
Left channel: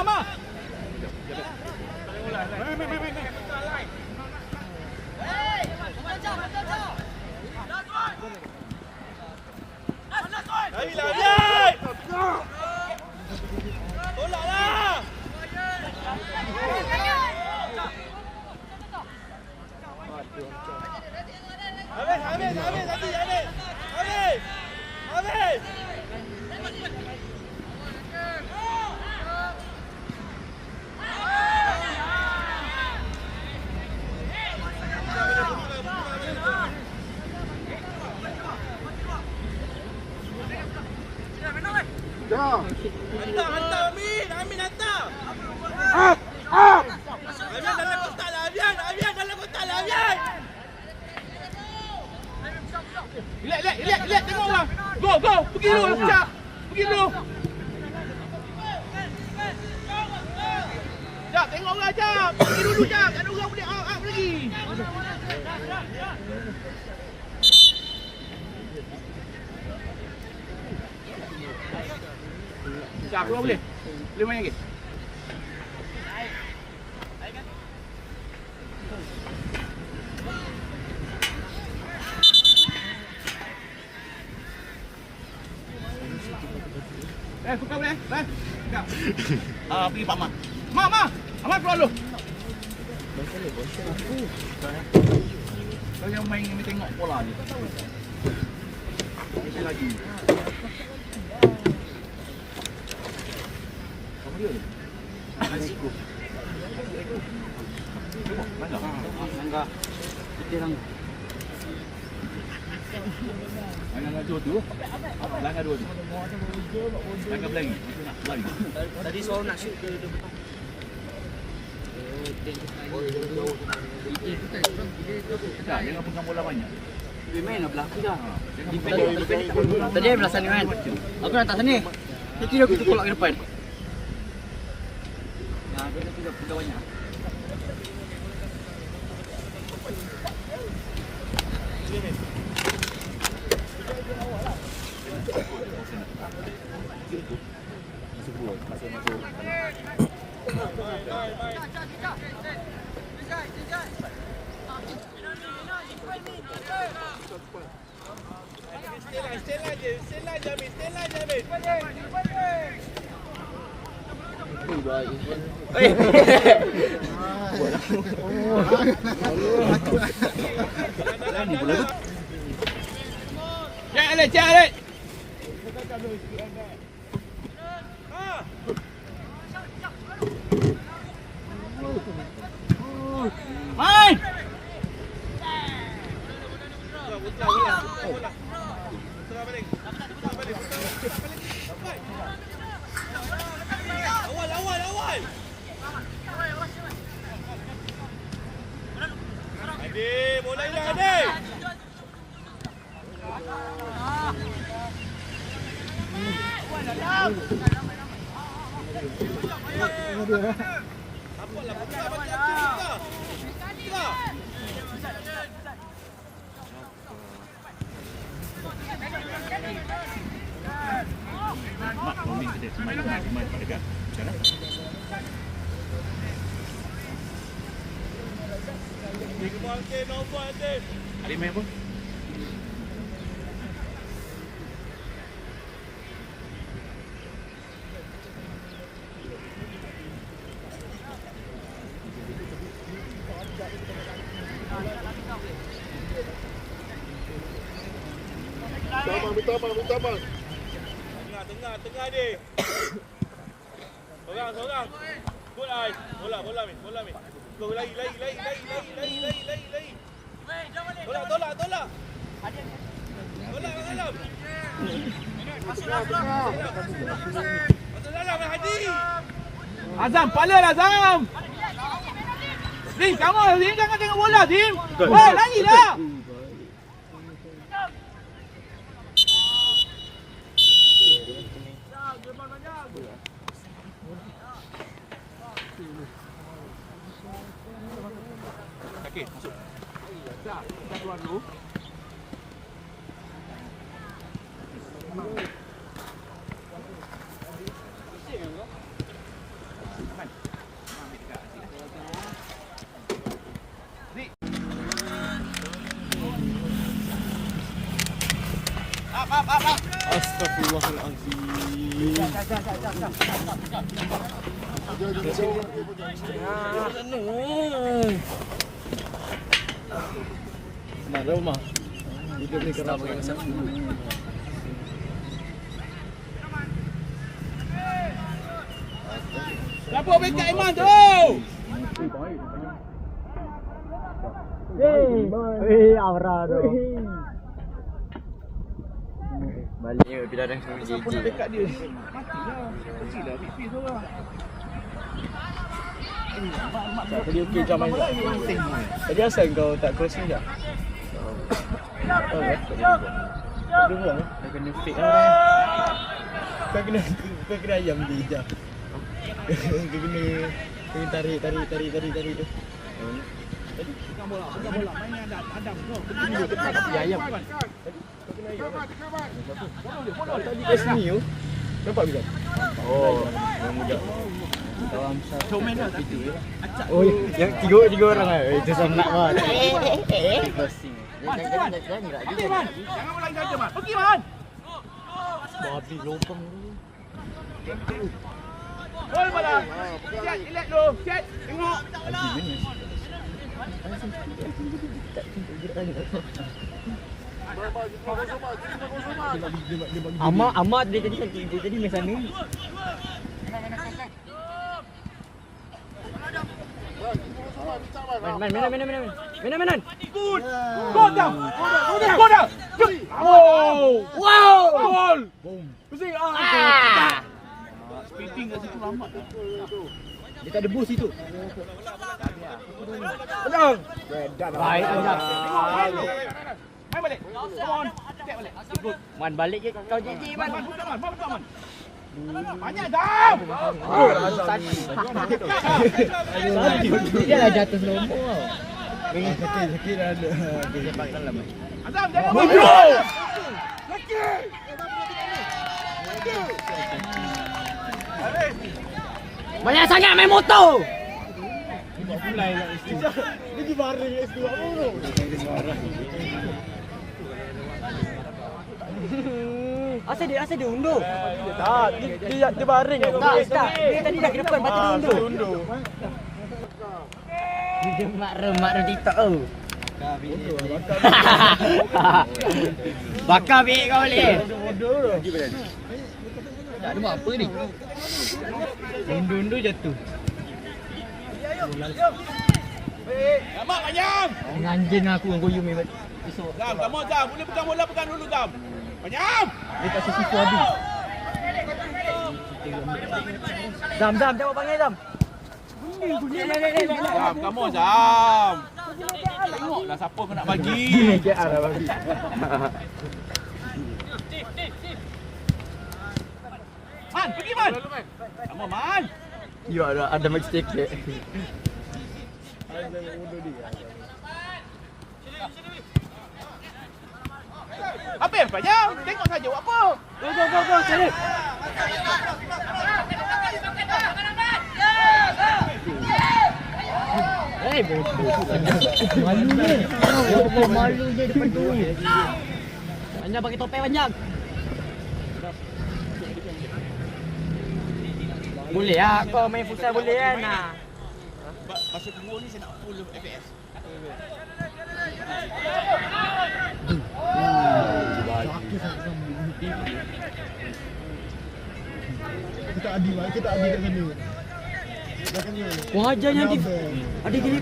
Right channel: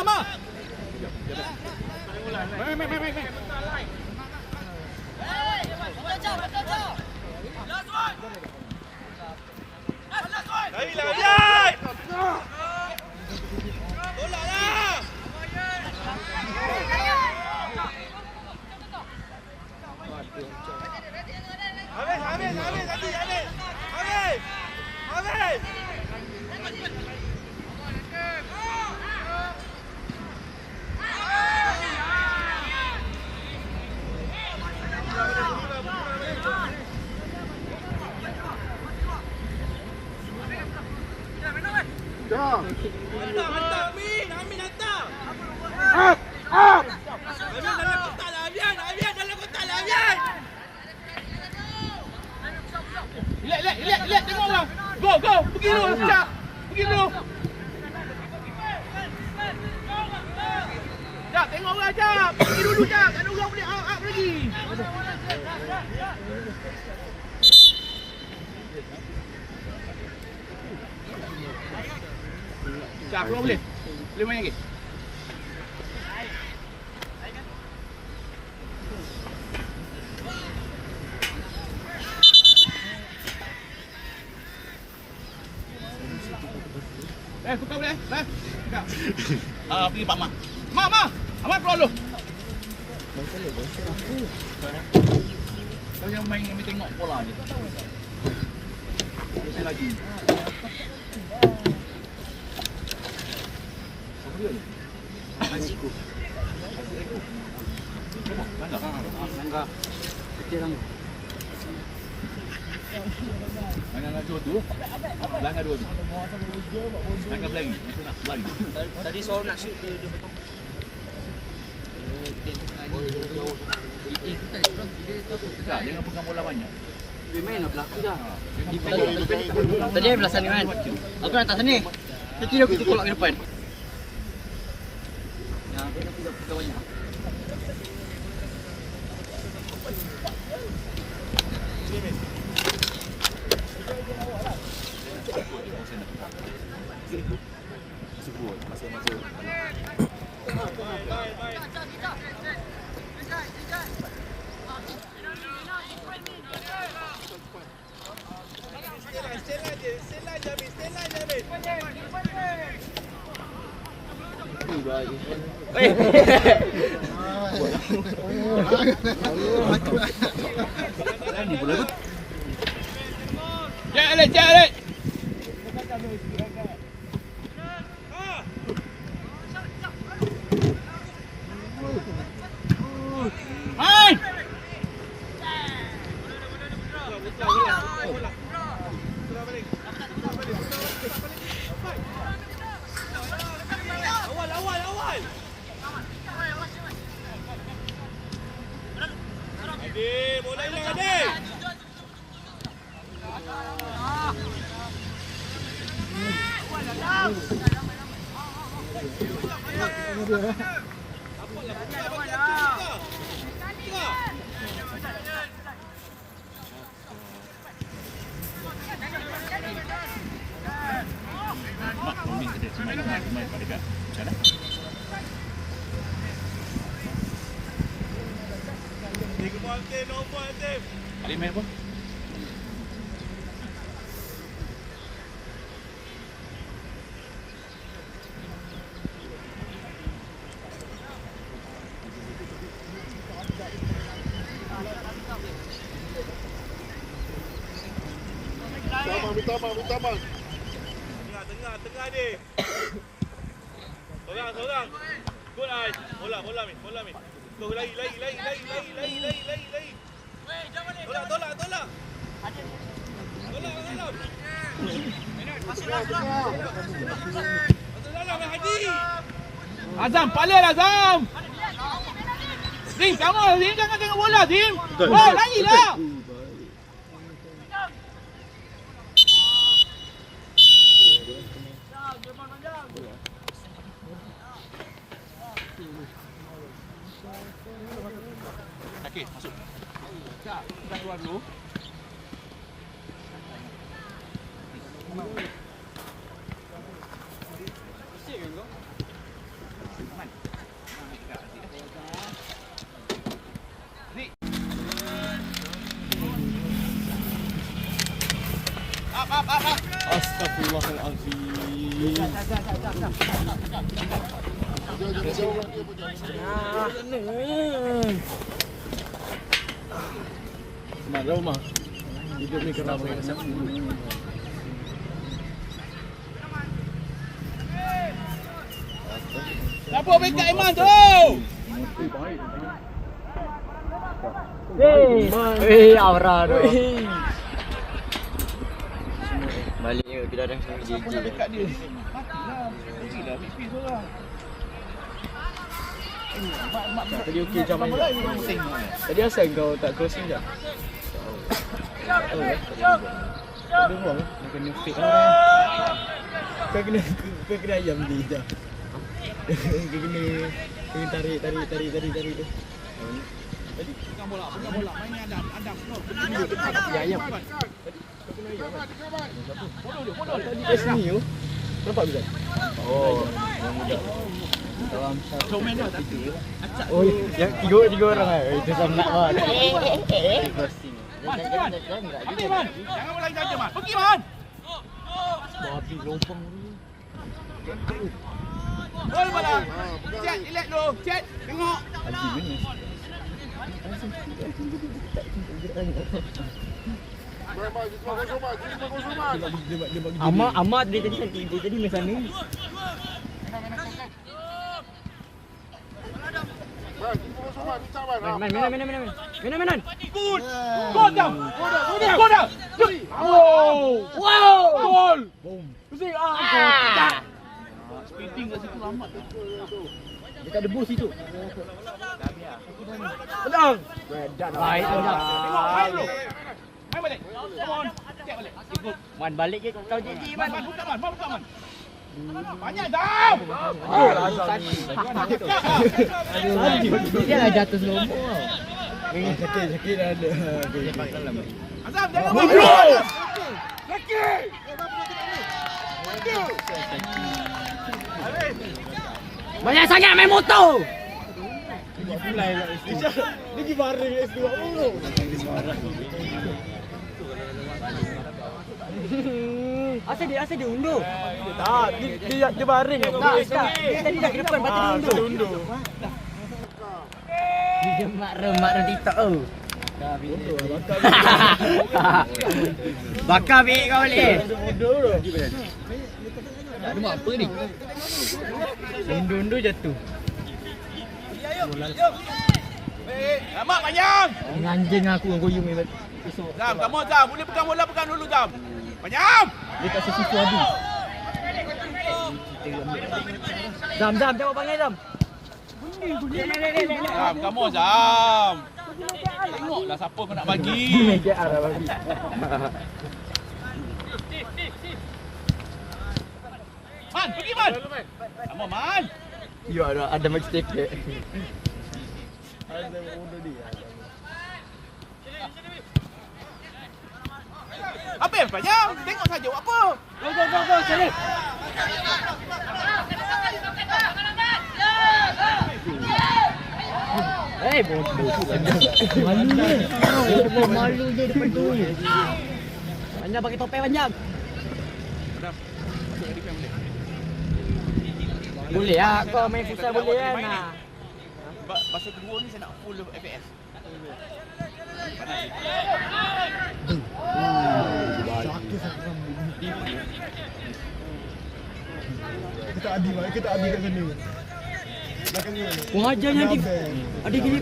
Ma. Dah. Hantar Amin hantar. Up. Amin dalam kotak lah Amin dalam kotak lah Amin. Relax tengok orang. Go, pergi dulu sekejap. Pergi dulu. Jap, tengok orang jap. Pergi dulu jap. Tak ada orang boleh out lagi. Jap, keluar boleh. Boleh main lagi. Buka boleh. Sekejap. Pergi Pak Mak. Mak. Amat keluar dulu. Kau yang main yang tengok bola je. Mesti lagi. Apa dia? Asyik. Langgar. Kita langgar. Langgar dua tu. Langgar dua tu. Langgar blank. Macam nak lari. Tadi seorang nak shoot dia betul. Tak, dia nak pegang bola banyak. Dia main lah belakang dah. Tadi belah sana kan. Aku nak tak sini. Dia kira aku tolak ke depan. Nah, dia nak pegang banyak. Ni bola tu. Cek Alex. Main. Awal. Ade, bola hilang Ade. Adik main apa? Bertambah. Tengah dia. Seorang. Bola min. Kau lari. Weh, jom balik. Tolak. Bola. Masuk dalam. Azam, paling Azam. Dim, jangan tengok bola, Dim. Weh, larilah. Okey, masuk. Tak, kita keluar dulu. Up. Astagfirullahalazim. Mana rumah? Hidup ni kenapa yang sakit? Siapa backup Iman tu? Aura tu. Balik ke kita dah semua JJ. Dekat dia. Matilah. Pergilah ambil pis orang. Tadi okey jam main tak? Tadi asal kau tak crossing tak? Tahu ya? Tak ada buang Dah kena fake lah. Kau kena ayam dia je. Kau kena tarik tu. Tadi api ayam. Tadi kat sini tu. Nampak bisa? Oh, yang muda. Dalam Showman dah tak ada. Acak. Oh, yang tiga orang lah. Itu sangat lah. Crossing. Man. Jangan bola jaga Man. Pergi Man. Babi lopang tu. Bola bola. Chat, relax dulu. Chat, tengok. Amat dia jadi macam ni. Main. Go down. Go down. Wow. Gol. Boom. Pusing. Sprinting kat situ amat tu. Dia tak ada boost itu. Betul. Baik Anjam. Tengok main dulu. Main balik. Come on. Check balik. Man balik je kau JJ man. Buka man. Banyak dah. Oh, dia dah jatuh selombo. Sakit dah ada. Dia cepat kalah. Azam jangan. Banyak sangat main motor. Dia pergi baring S2 apa? Asal dia undur. Tak, dia baring. Tak. Dia tadi dah ke depan, lepas tu dia undur. Dia mak rem TikTok tu. Bakar bik kau boleh. Nak buat apa ni? Undur jatuh. Mak panjang. Anjing aku yang goyung ni. Esok. Jam, jam. Boleh pegang bola, pegang dulu jam. Panjang. Dia tak sesifu habis. Jam jawab panggil Jam. Jam, kamu jam. Tengoklah siapa kau nak bagi. Man, pergi Man. Kamu Man. Ya ada match ticket. Ada undur dia. Apa yang panjang? Tengok saja buat apa. Go sini. Bodoh. Malu dia depan tu. Hanya pakai topeng panjang. Boleh ah, kau main futsal boleh kan? Masa kedua ni saya nak full FPS. Kita adil kat mana? Kau ajarnya adik gini.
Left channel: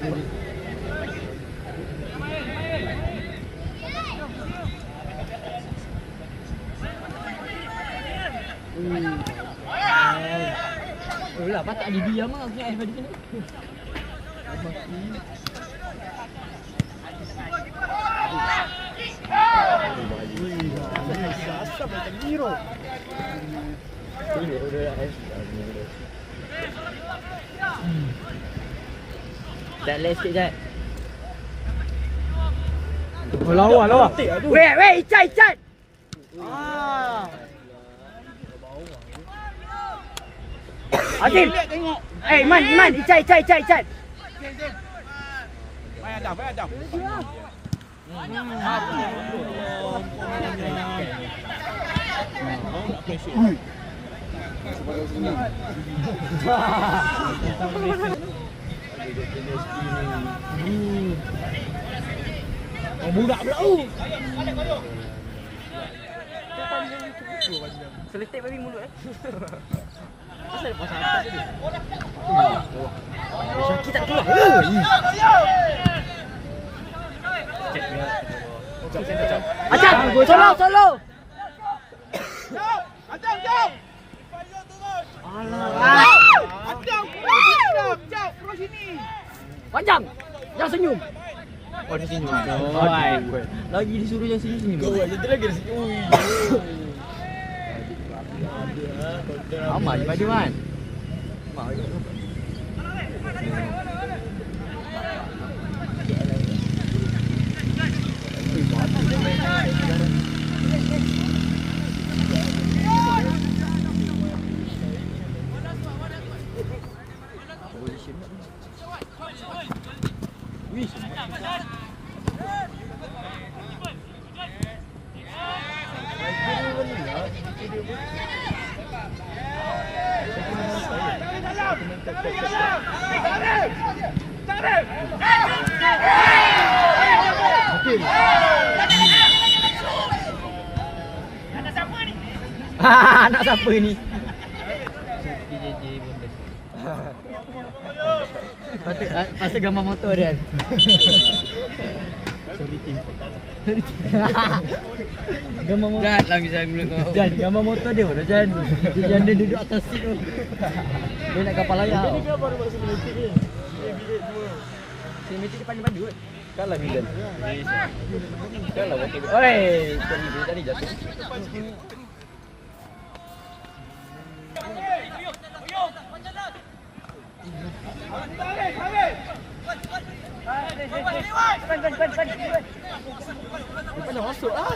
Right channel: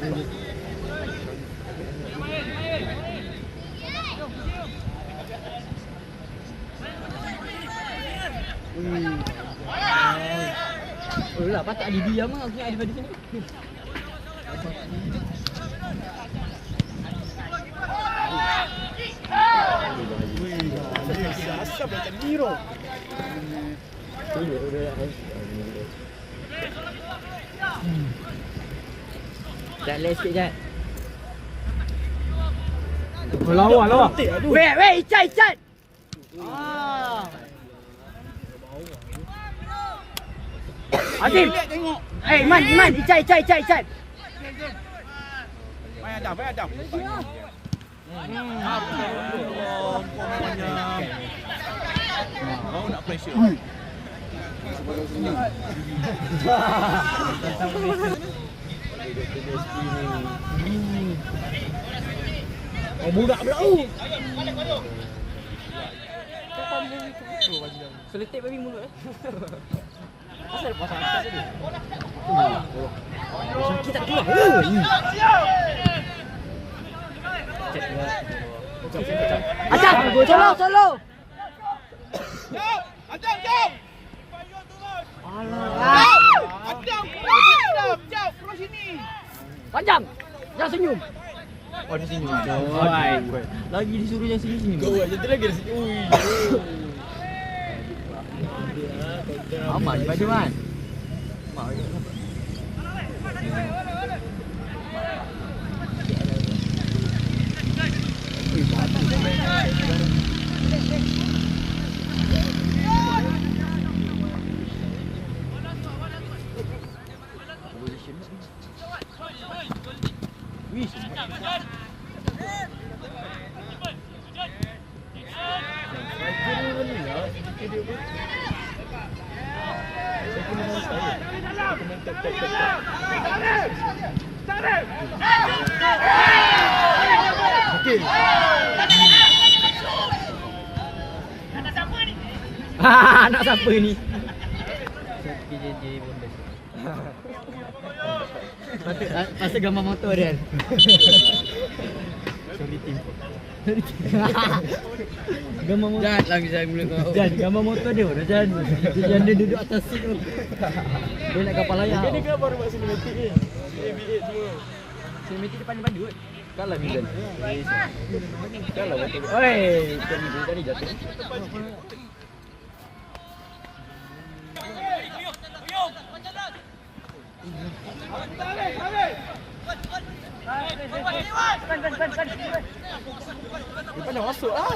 Oh lah, patut ada diam lah. Aku nak ada pada sini. Asap macam Miro. Jat less sikit Jat. Oh, lawa. Weh, Icat. Azim. Man, Icat. Main Adam. Budak pula. Seletek babi mulut Asal pasal apa tadi? Syakir tak keluar. Acak, solo. Jam. Alah. Jam, terus sini. Panjang. Jangan senyum. Oh, dia senyum. Lagi disuruh jangan senyum. Dia lagi dah sikit. Amat pada man. Okey. Anak siapa ni? Pasal gambar motor dia. Gambar motor. Jangan lah bisa guna kau. Jangan gambar motor dia. Jangan. Jangan dia duduk atas seat tu. Dia nak kapal layar. Dia kan baru masuk cinematic ni. Bilik semua. Cinematic depan padu kan. Kalah Milan. Kalah motor. Oi, tadi jatuh. Mana masuk ah?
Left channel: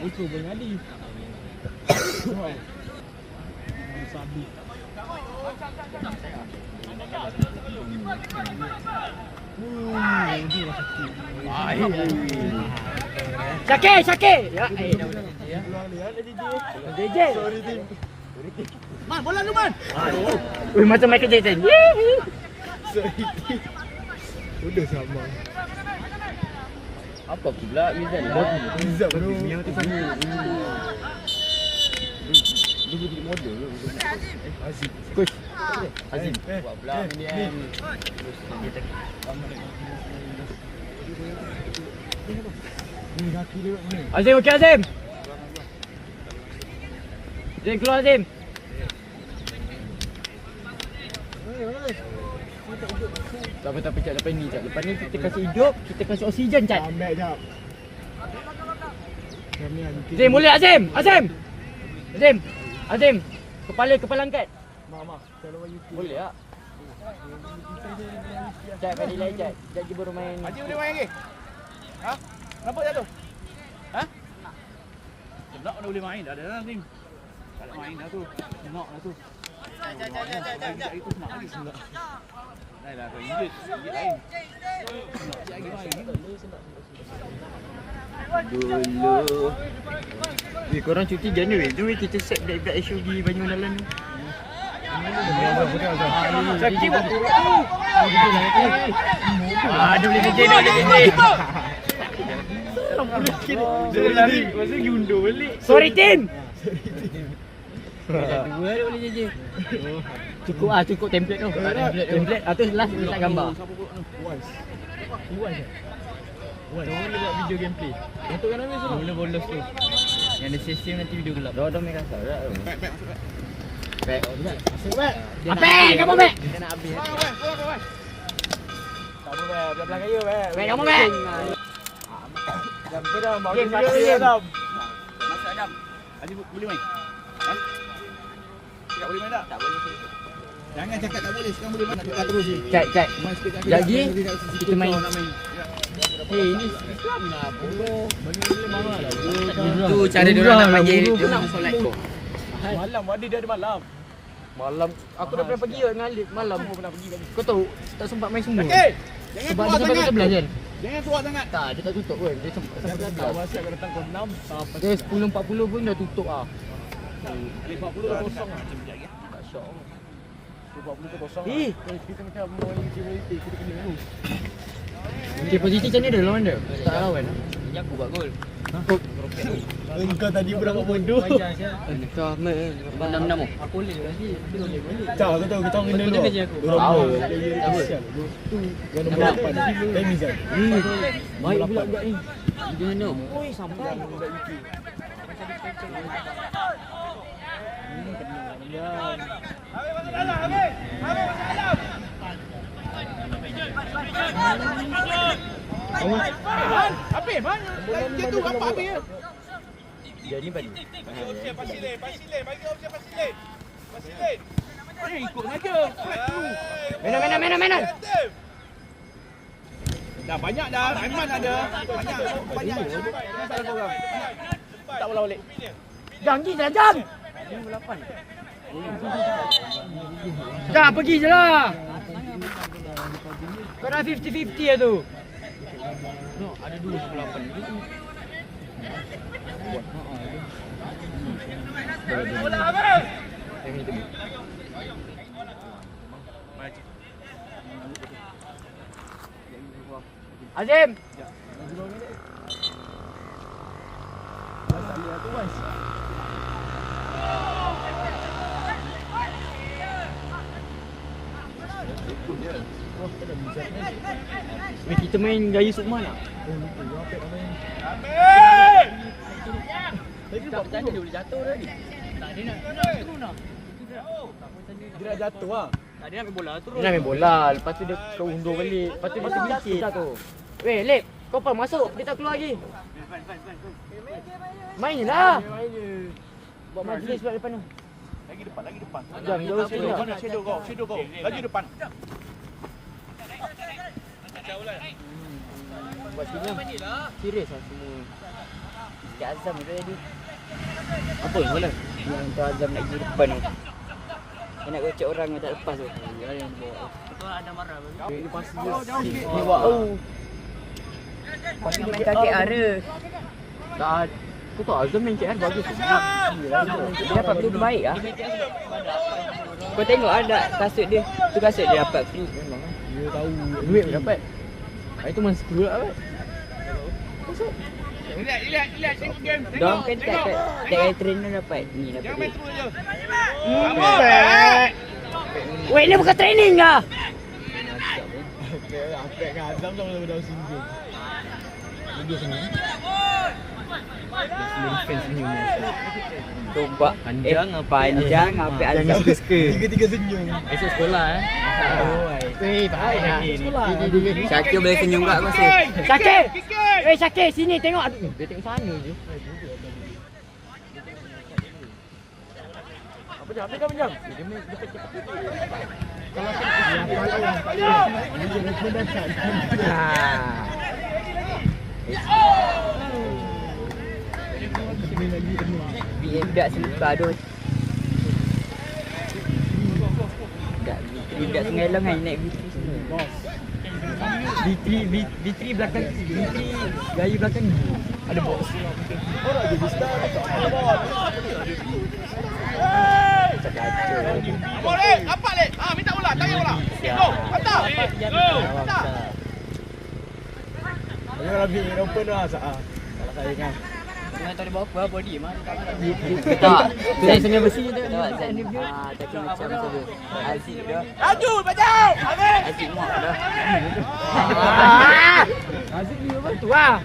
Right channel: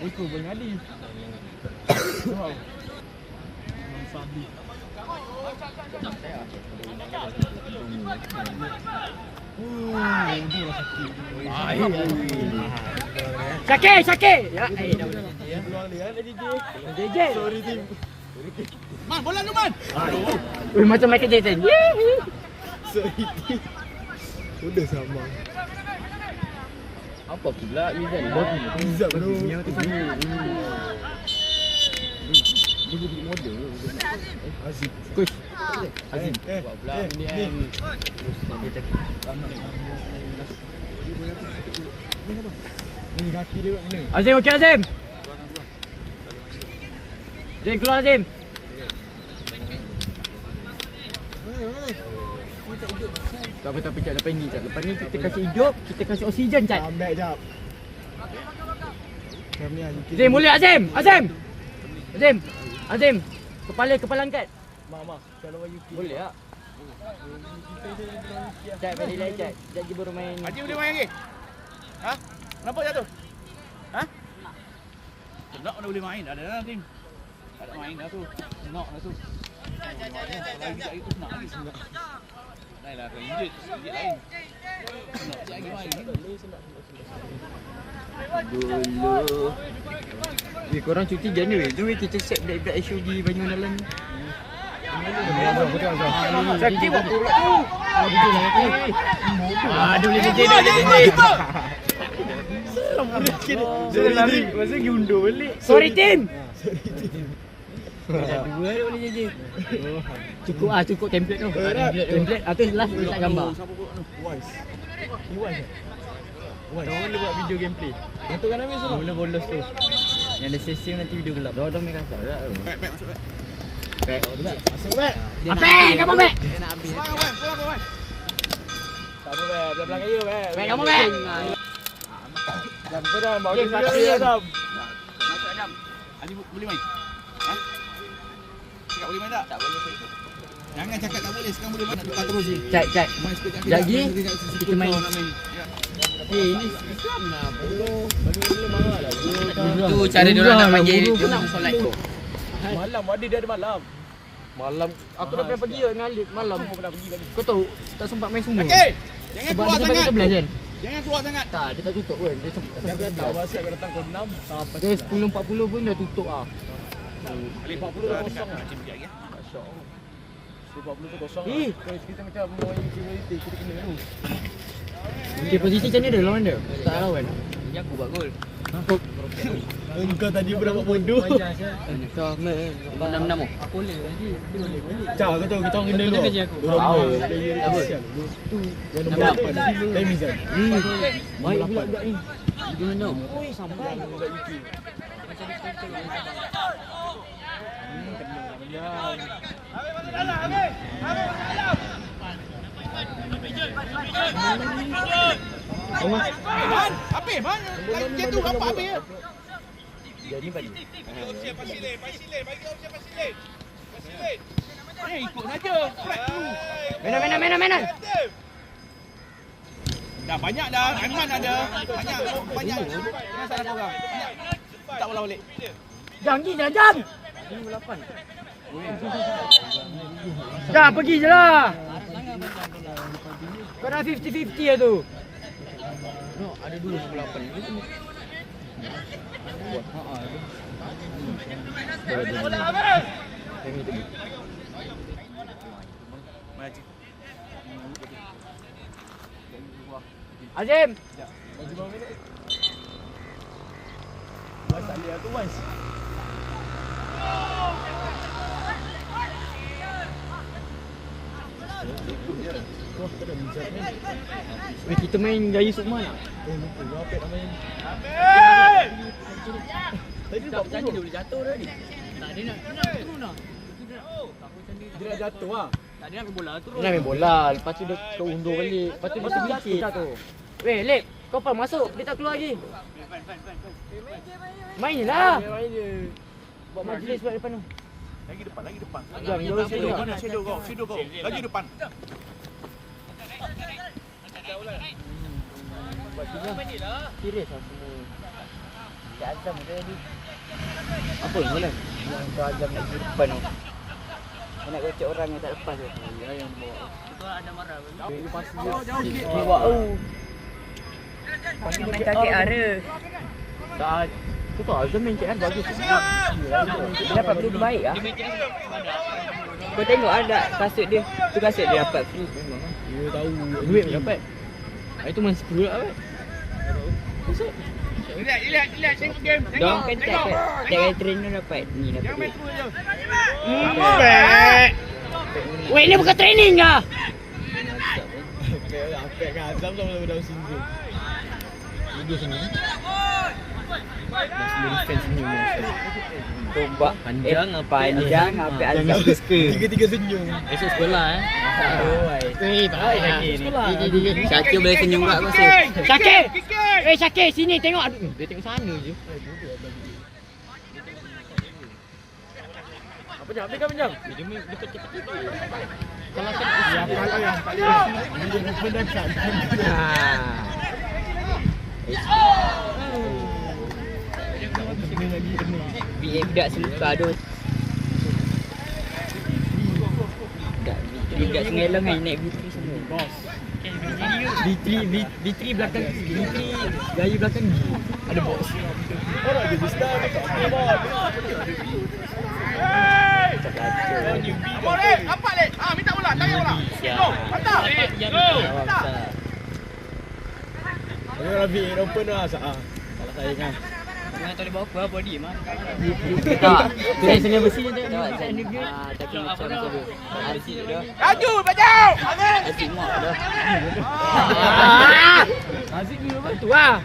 Buku Bangadi. Syakir. Ya. DJ. Sorry tim. Man, bola ni man. Ui, macam Michael Jackson. Sorry. Udah sama. Apa pula Izan? Izan bro. Dia jadi model ke? Azim. Coach. Azim. Buat pula ni. Ni kaki dia buat ni. Azim okey Azim. Azim keluar Azim. Tapi Cak, lepas ni Cak. Lepas ni kita kasih hidup, kita kasih oksigen Cak. Ambil jap. Azim boleh Azim. Azim. Kepala angkat. Mak. Kalau UK. Boleh tak? Cak kali lain Cak. Cak je baru main. Haji boleh main lagi? Ha? Nampak jatuh? Ha? Tak boleh main. Dah ada Haji. Tak ada main dah tu. Nak dah tu. Boleh main dah. Kalau lagi itu senang lagi senang. Dah lah kau injut. Lain. Lagi main. Dulu. Korang cuti Januari. Jom kita set black SUV Banyu Dalam ni. Betul. Sakit buat turut tu. Aduh DJ. Dia lari. Masa diundur balik. Sorry Tim. Dua boleh JJ. Cukup template tu. Template tu last letak gambar. Orang boleh buat video gameplay. Untuk kan habis tu. Mula bolos tu. Yang ada sistem nanti video gelap. Dah main kasar dah. Baik. Apa? Kamu baik. Kamu baik. Belah kayu baik. Baik kamu baik. Jam tu dah mau sakit dah. Masuk Adam. Haji boleh main? Ha? Cakap boleh main tak? Tak boleh. Jangan cakap tak boleh. Sekarang boleh main. Nak tukar terus je. Cak. Jadi kita main. Ini Islam lah. Boleh marah lah. Itu cara dia orang nak bagi solat. Malam dia ada malam. Malam aku dah pernah pergi dengan Alif malam. Kau tahu tak sempat main semua. Okey. Sebab dia sampai 11 kan. Jangan keluar sangat. Tak, dia tak tutup pun. Dia sampai 11. Masih akan datang ke 6 sampai Dia 10.40 pun dah tutup ah. 40 dah kosong lah. Tak syok. 40 tu kosong. Kita macam main GMT kita kena dulu. Okay, posisi macam ni dia lawan dia. Tak lawan. Ini aku buat gol. Engkau tadi berapa bodoh. Kau main 6-6 oh. Aku boleh lagi. Jauh tu kita orang kena dulu. Tahu. Tu yang nombor 8. Time Izan. Baik pula budak ni. Gimana? Oi, sampai. Habis bang. Jatuh apa habis? Dia ni balik. Ikut saja. Mainan. Dah banyak dah. Aiman ada. Banyak. Jangan salah kau orang. Tak bola balik. Jam. Dah pergi je lah. Kau dah 50-50 lah tu. Ada 2 18. Azim. Kita main gaya Sukma nak? Tadi tak berani dia boleh jatuh tadi. Tak ada nak. Dia dah jatuh lah. Tak ada nak main bola terus. Dia nak main bola. Lepas tu dia keundur balik. Lepas tu dia terfikir. Weh, Lep. Kau apa masuk? Dia tak keluar lagi. Main je lah. Buat majlis sebab depan tu. Lagi depan. Jom, dia harus Shadow keluar. kau. Lagi depan. Buat sini. Serius lah semua. Cik Azam dia tadi. Apa bola? Yang tu Azam nak pergi depan tu. Dia nak kocok orang yang tak lepas tu. Ya yang bawa. Betul ada marah. Dia pasti dia. Wow. Pasti main kaki ara. Tak. Aku tahu Azam main KL bagus. Dia dapat benda baik ah. Kau tengok ada kasut dia. Tu kasut dia dapat free. Memang kan. Dia tahu duit pun dapat. Itu main 10 lah. Kasut. Relax tengok game. Dong kan tak kali trainer dapat ni dapat duit. Weh, ni bukan training lah. Akak kan Azam sama dalam single. Dia sini. Tombak panjang apa Azam tiga senyum. Esok sekolah Weh, tak sekolah. Syakir boleh senyum tak aku rasa. Syakir. Syakir sini tengok. Dia tengok sana je. Apa jam? Dia pinjam. Dia pecah. Kalau kan BM dak selipar tu. Dak sengalang kan naik B3 semua. B3 belakang B3 gaya belakang ada box. Orang jadi star dekat ni dah. Boleh, apa leh? Minta bola, tangan bola. Patah. Aku lebih open lah sah. Kalau saya kan. Jangan tak ada apa-apa body mantap. Tak. Turun sini besi ni tak. Tapi macam tu. Aziz dah. Laju, bajau. Aziz muak dah. Aziz ni apa tu ah?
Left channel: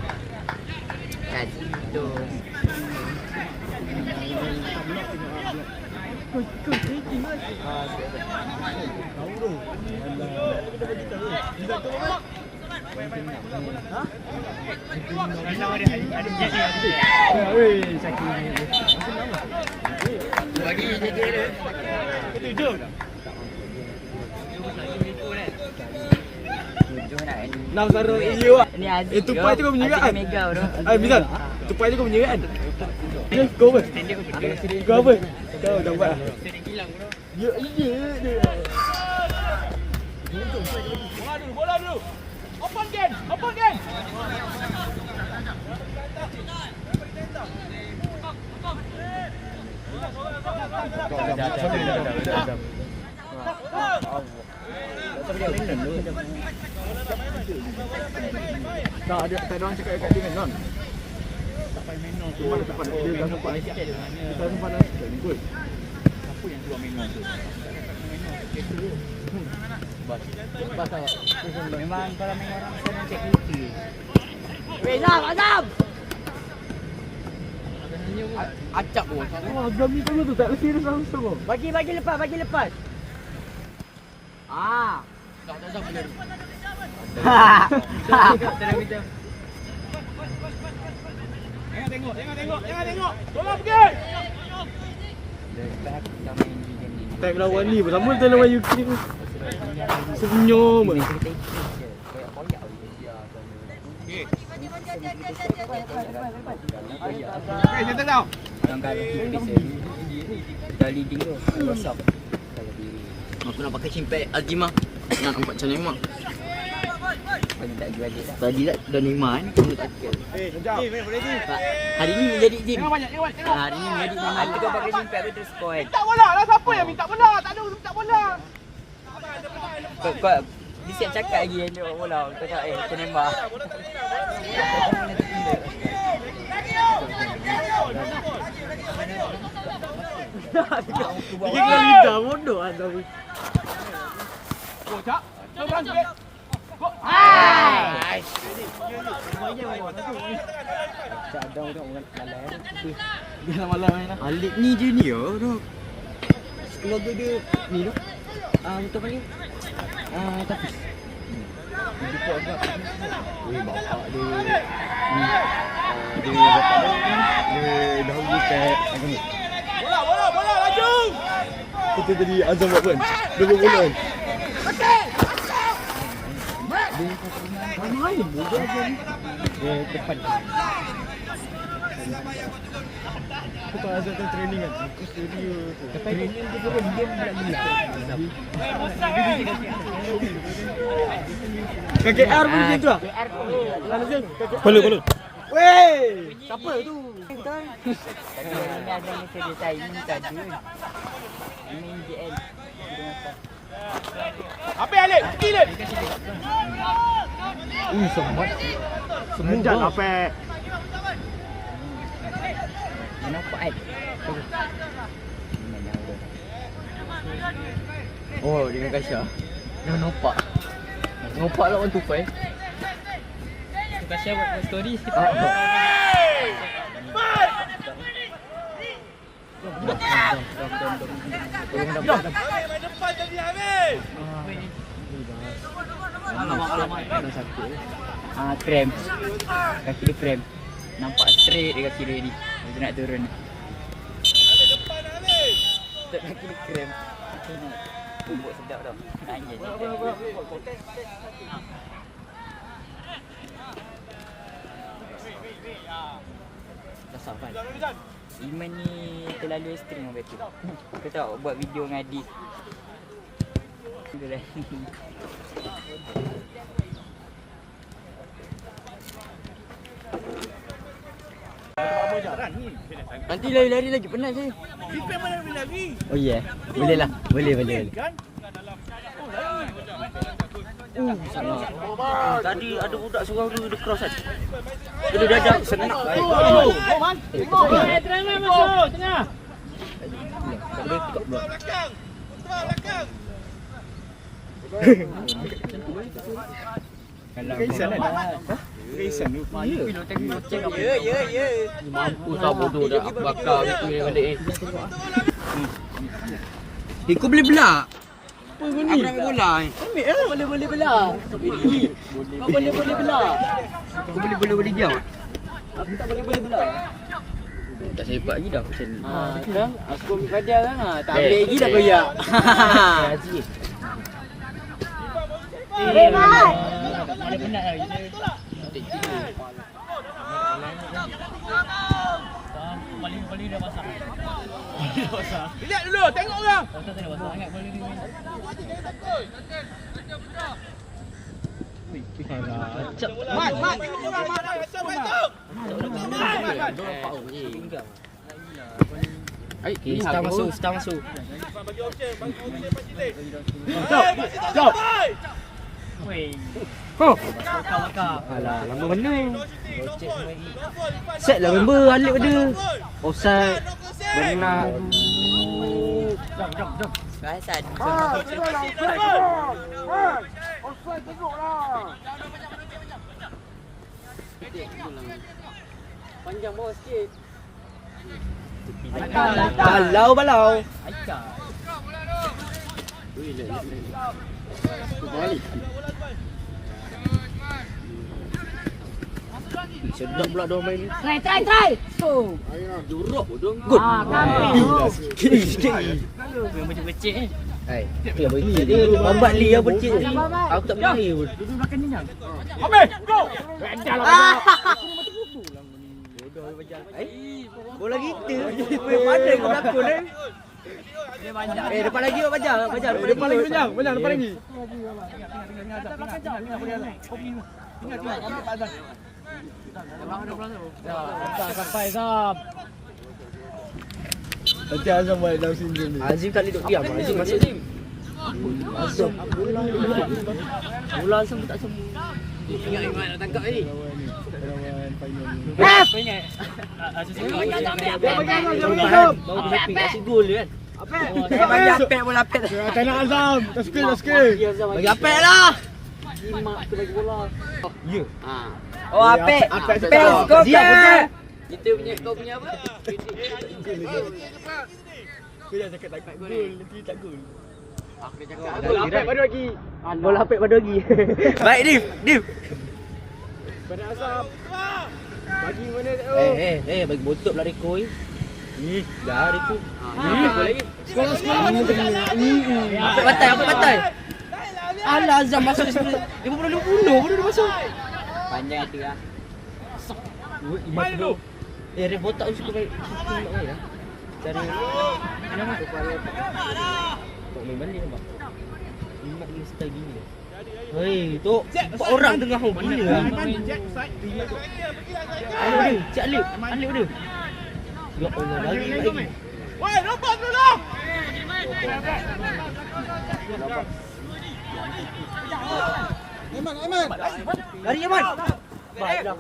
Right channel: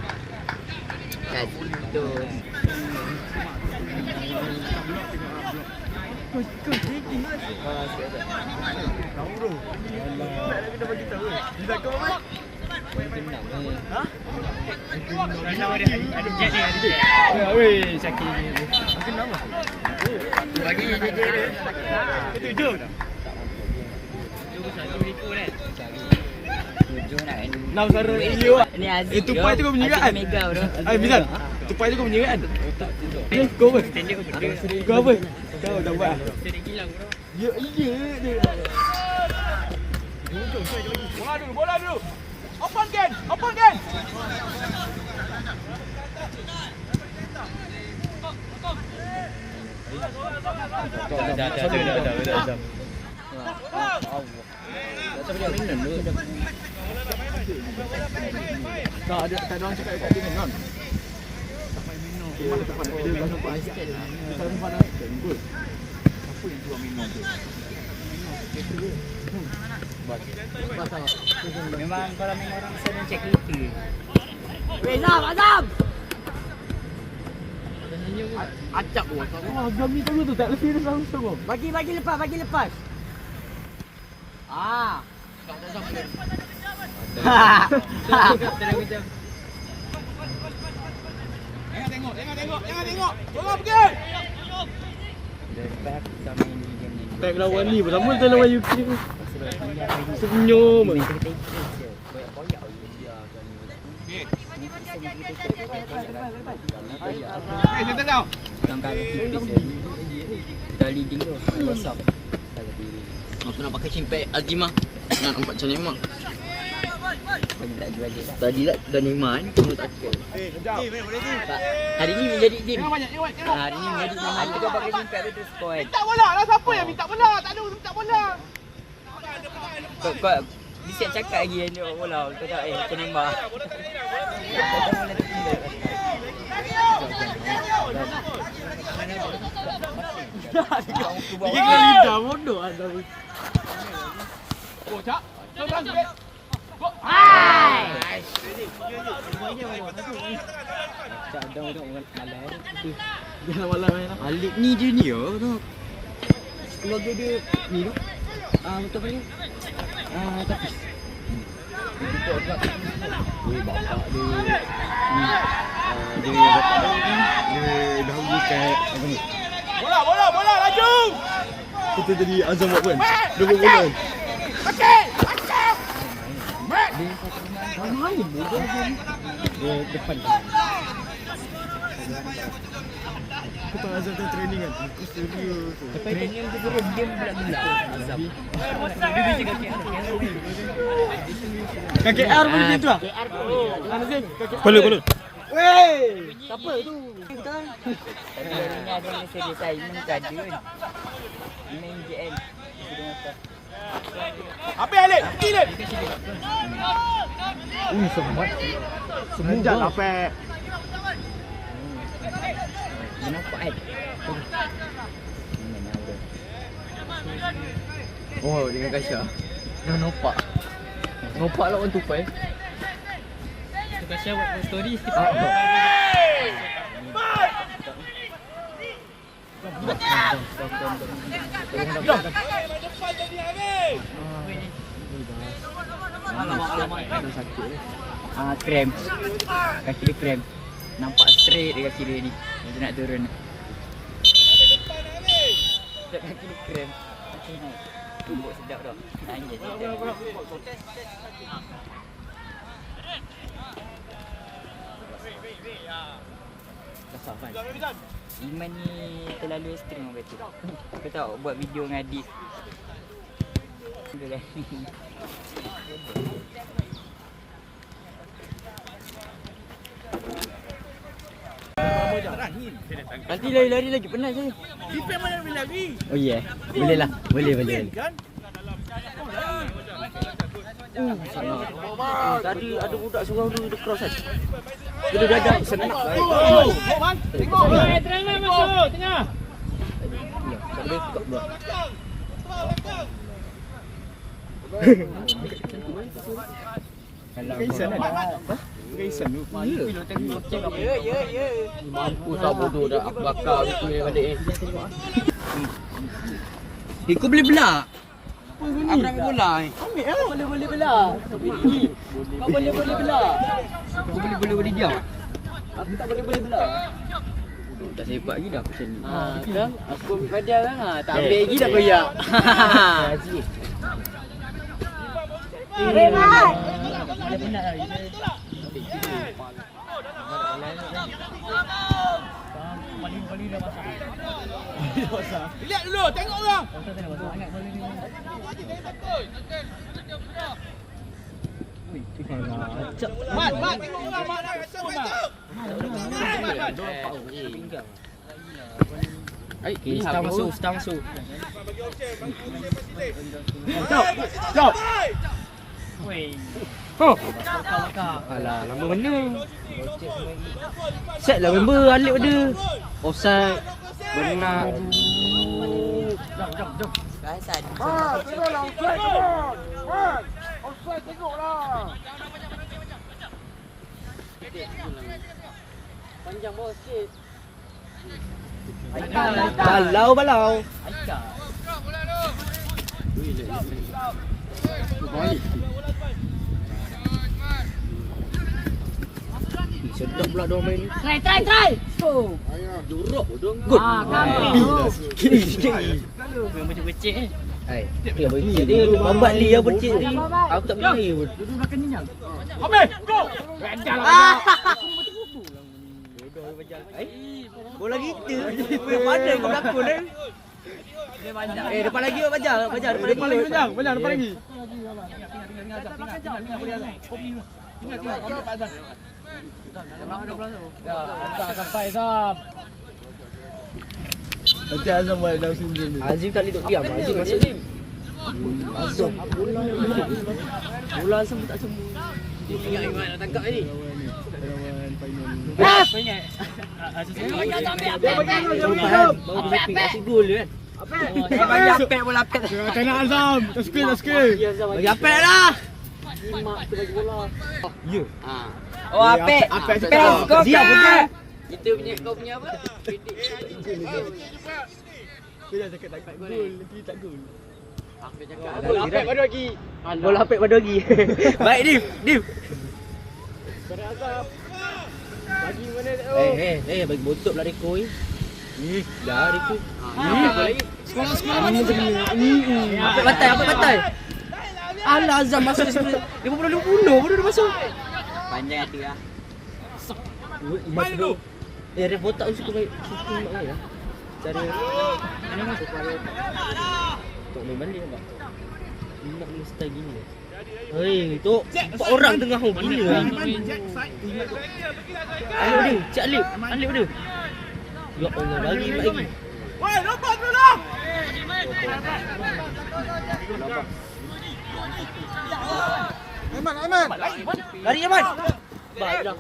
Aziz tu. Ini Aziz. Tupai tu kau punya kan? Misal. Tupai tu kau punya kan? Kau apa? Kau apa? Kau tak buat. Ya, dia. Bola dulu. Open game. Tak ada orang cakap dekat dia kan. Cuma depan dia dah sempat. Kita sempat nak ikut. Memang kalau main orang sana cek kita. Weh, Azam. Acap pun. Azam ni tu tak lesi dia langsung. Bagi lepas. Jangan tengok. Bola pergi. Tak lawan ni pun sama tak lawan UK tu. Senyum. Settle down. Kali tinggal WhatsApp. Aku nak pakai cimpek Azimah. Nak nampak macam ni mak. Bagi tak jual dia. Tadi tak dah Neymar kan. Kamu tak cakap. Hari ni menjadi game. Hari ni menjadi game. Ada kau pakai jimpak tu terus score kan. Minta bola lah, siapa yang minta bola? Tak ada minta bola. Kau bisa cakap lagi yang tengok bola. Kau tak macam Neymar. Dia kena lidah bodoh ada. Oh, Cak. Seorang sudah. Go. Cak dah malam. Dia malam main. Alik ni junior tu. Keluarga dia ni tu. Betul paling. Tapi bapak dia ni dia bapak dia dahulu kat apa ni? Bola, laju. Kita jadi azam buat kan? Dia buat bola. Mana ni bola dia ni? Dia depan. Kita azam tu training kan. Aku studio. Tapi dia pun diam pula dulu. KKR pun gitu ah. Mana sih? Boleh. Weh, siapa tu? Tapi ni ada Malaysia biasa. Ini tak ada kan. Ini MJL. Apa Alik? Pergi Alik. Sempat. Semenjak apa? Kenapa kan? Oh, dengan Kasha. Dah nampak. Nampak lah orang tu Pai. Kasih buat story. Alamak sakit. Krem. Kaki dia krem. Nampak straight dia kaki dia ni. Dia nak turun. Tak kaki dia krem. Macam nak tumbuk sedap dah. Nangis ni. Dah safan. Iman ni terlalu ekstrim orang kata. Kau tahu buat video dengan adik. Dia nanti lari-lari lagi penat saya. Defend mana lari? Oh ya. Yeah. Boleh lah. Boleh. Kan? Tadi ada budak suruh dia cross kan. Dia dadak senak baik. Go man. Tengok. Tengah masuk tengah. Tak boleh tukar pula. Kalau Kaisan tu. Ya. Mampu tak bodoh dah bakar itu yang ada kau boleh belak. Aku nak ambil bola ni. Ambil lah, boleh belah. Kau boleh belah. Kau boleh diam. Aku tak boleh belah. Tak sepak lagi dah macam ni. Kan aku ambil pada kan. Tak ambil lagi dah koyak. Haji. Mat. Mana penat lagi. Paling dah basah. Lihat dulu, tengok orang. Kau kena basah sangat paling ni. Mat, tengok orang Mat. Okay, start masuk. Jom. Wei. Oh. Kau. Alah, lama mana? Set lah member Alip ada. Offside. Benar. Jom. Kaisan. Tengoklah offside tu. Offside tengoklah. Panjang bawah sikit. Balau. Aika. Balik. Sedap pula dia main. Try. Go. Jorok bodoh. Good. Kamu. Sikit. Macam kecil ni. Hai, dia berkecil dia bambat li apa kecil. Aku tak boleh pun. Duduk belakang ni jam. Habis, go. Bodoh macam. Bola kita. Main pandai kau berlakon Depan lagi yuk Bajar. Bajar depan lagi. Banyak depan lagi. Nanti Azam buat dalam sini ni. Azim tak boleh duduk diam. Azim masuk Azim. Azam bola Azam tak semua. Dia tinggal Iman nak tangkap ni. Baru berhenti kasih gol kan. Bagi Apek bola Apek. Kena Azam. Tak skill. Bagi Apek lah. Mak tu bagi bola. Ya. Oh Apek. Apek kau kan. Itu punya kau punya apa? Kau jangan cakap tak gol. Nanti tak gol. Apek pada lagi. Bola Apek pada lagi. Baik Div. Bagi mana Bagi botol pula Riko ni. Dah Riko. Yang Apek gol lagi. Sekolah mana macam ni? Apek batai. Alah Azam masuk semua. Dia pun baru dia masuk. Panjang tu lah. Imat tu. Ref botak tu suka baik. Suka mak saya. Cara supaya tak main banding tak. Imat ni style gini lah. Hei, tu 4 orang tengah home gila lah. Alip dia, Cik Alip dia. Ya Allah, lagi. Woi, nampak dulu. Aiman. Lari Aiman. Baiklah.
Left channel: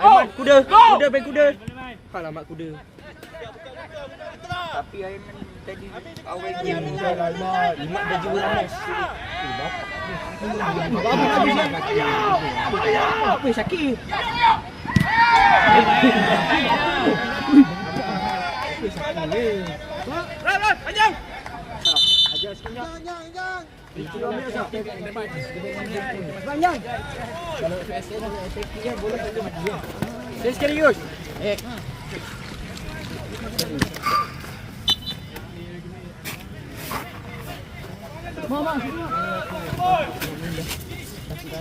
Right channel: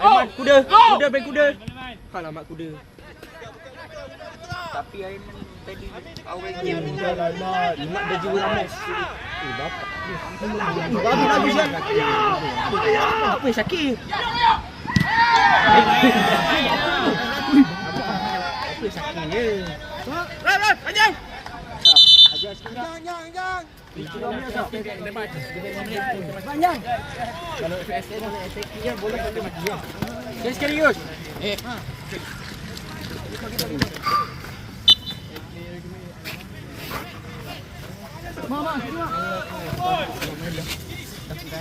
Aiman, kuda main kuda. Alamak kuda. Tapi Aiman tadi awal Dia ingat baju Ramos. Bapak. Apa Syakir? Apa Syakir ni? Panjang. Ajar setengah. Jangan. Itu ambil asap. Panjang. Kalau FSA nak attack dia boleh ambil dia. Sekali Yus. Mama.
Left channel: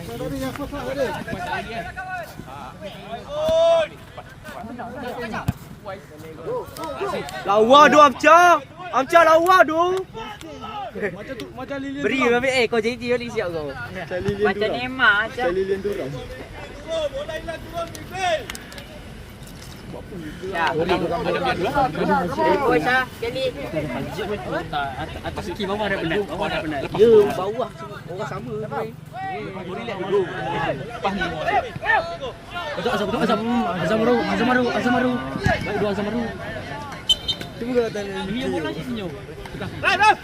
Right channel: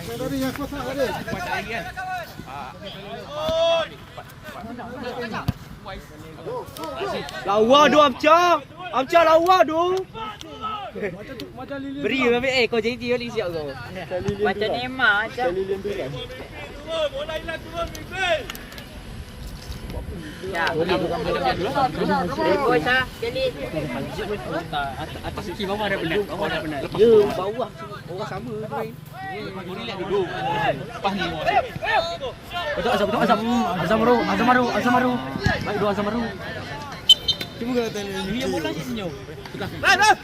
Tadi yang kotak tadi. Lawa tu Amca lawa tu. Macam lilin. Beri ambil kau jadi dia ni siap kau. macam Neymar macam. Lilin tu kan. Ya. Atas sikit bawah dah penat. Ya, bawah semua orang sama tu main. Betul Azam Maru. Baik dua Azam Maru. Tunggu kalau tanya ni. Bola senyum. Azam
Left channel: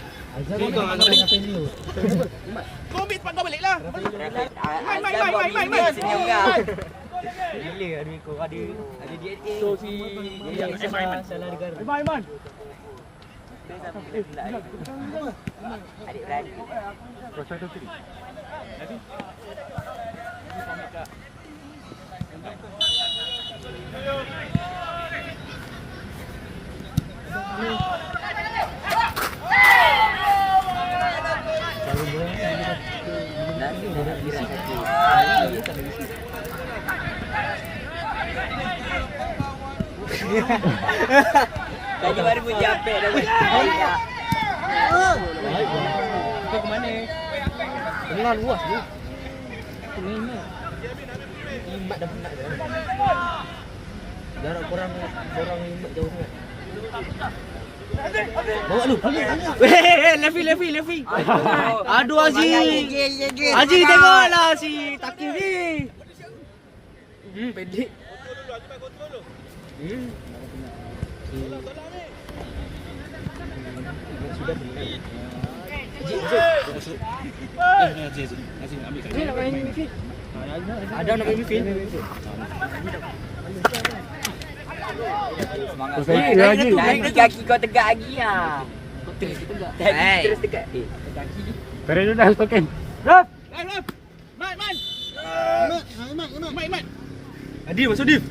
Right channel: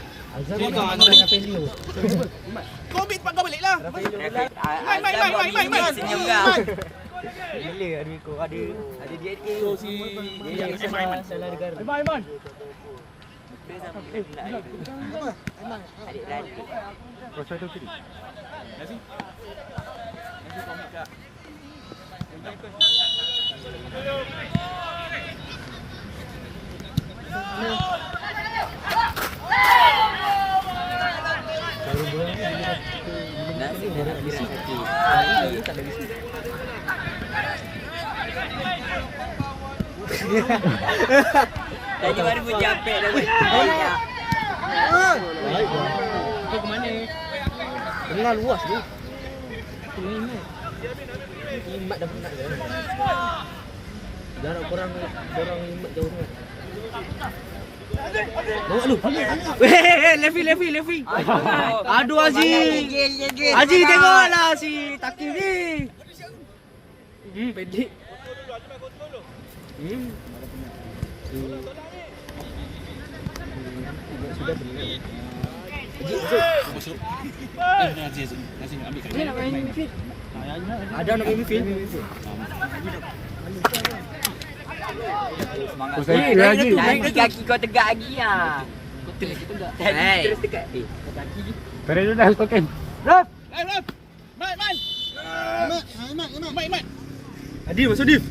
dengan Rafaelio. Kau ambil tempat kau balik lah. Main. Senyum kan. Gila kat Riko. Ada dia tu. Dia salah negara. Aiman. Adik-beradik. Tadi baru punya Apek dah. Baik. Kau ke mana? Belah luas tu. Imat. Imat dah penat dah. Jarak korang Imat jauh sangat. Bawa lu. Levi. Aduh Aziz. Aziz tengoklah si Taki ni. Pendek. Sudah benar. Aziz ambil kali. Ada nak main midfield. Semangat lagi. Nanti kaki kau tegak lagi lah. Kau tegak. Terus tegak. Pada tu dah token. Main. Adi masuk Div.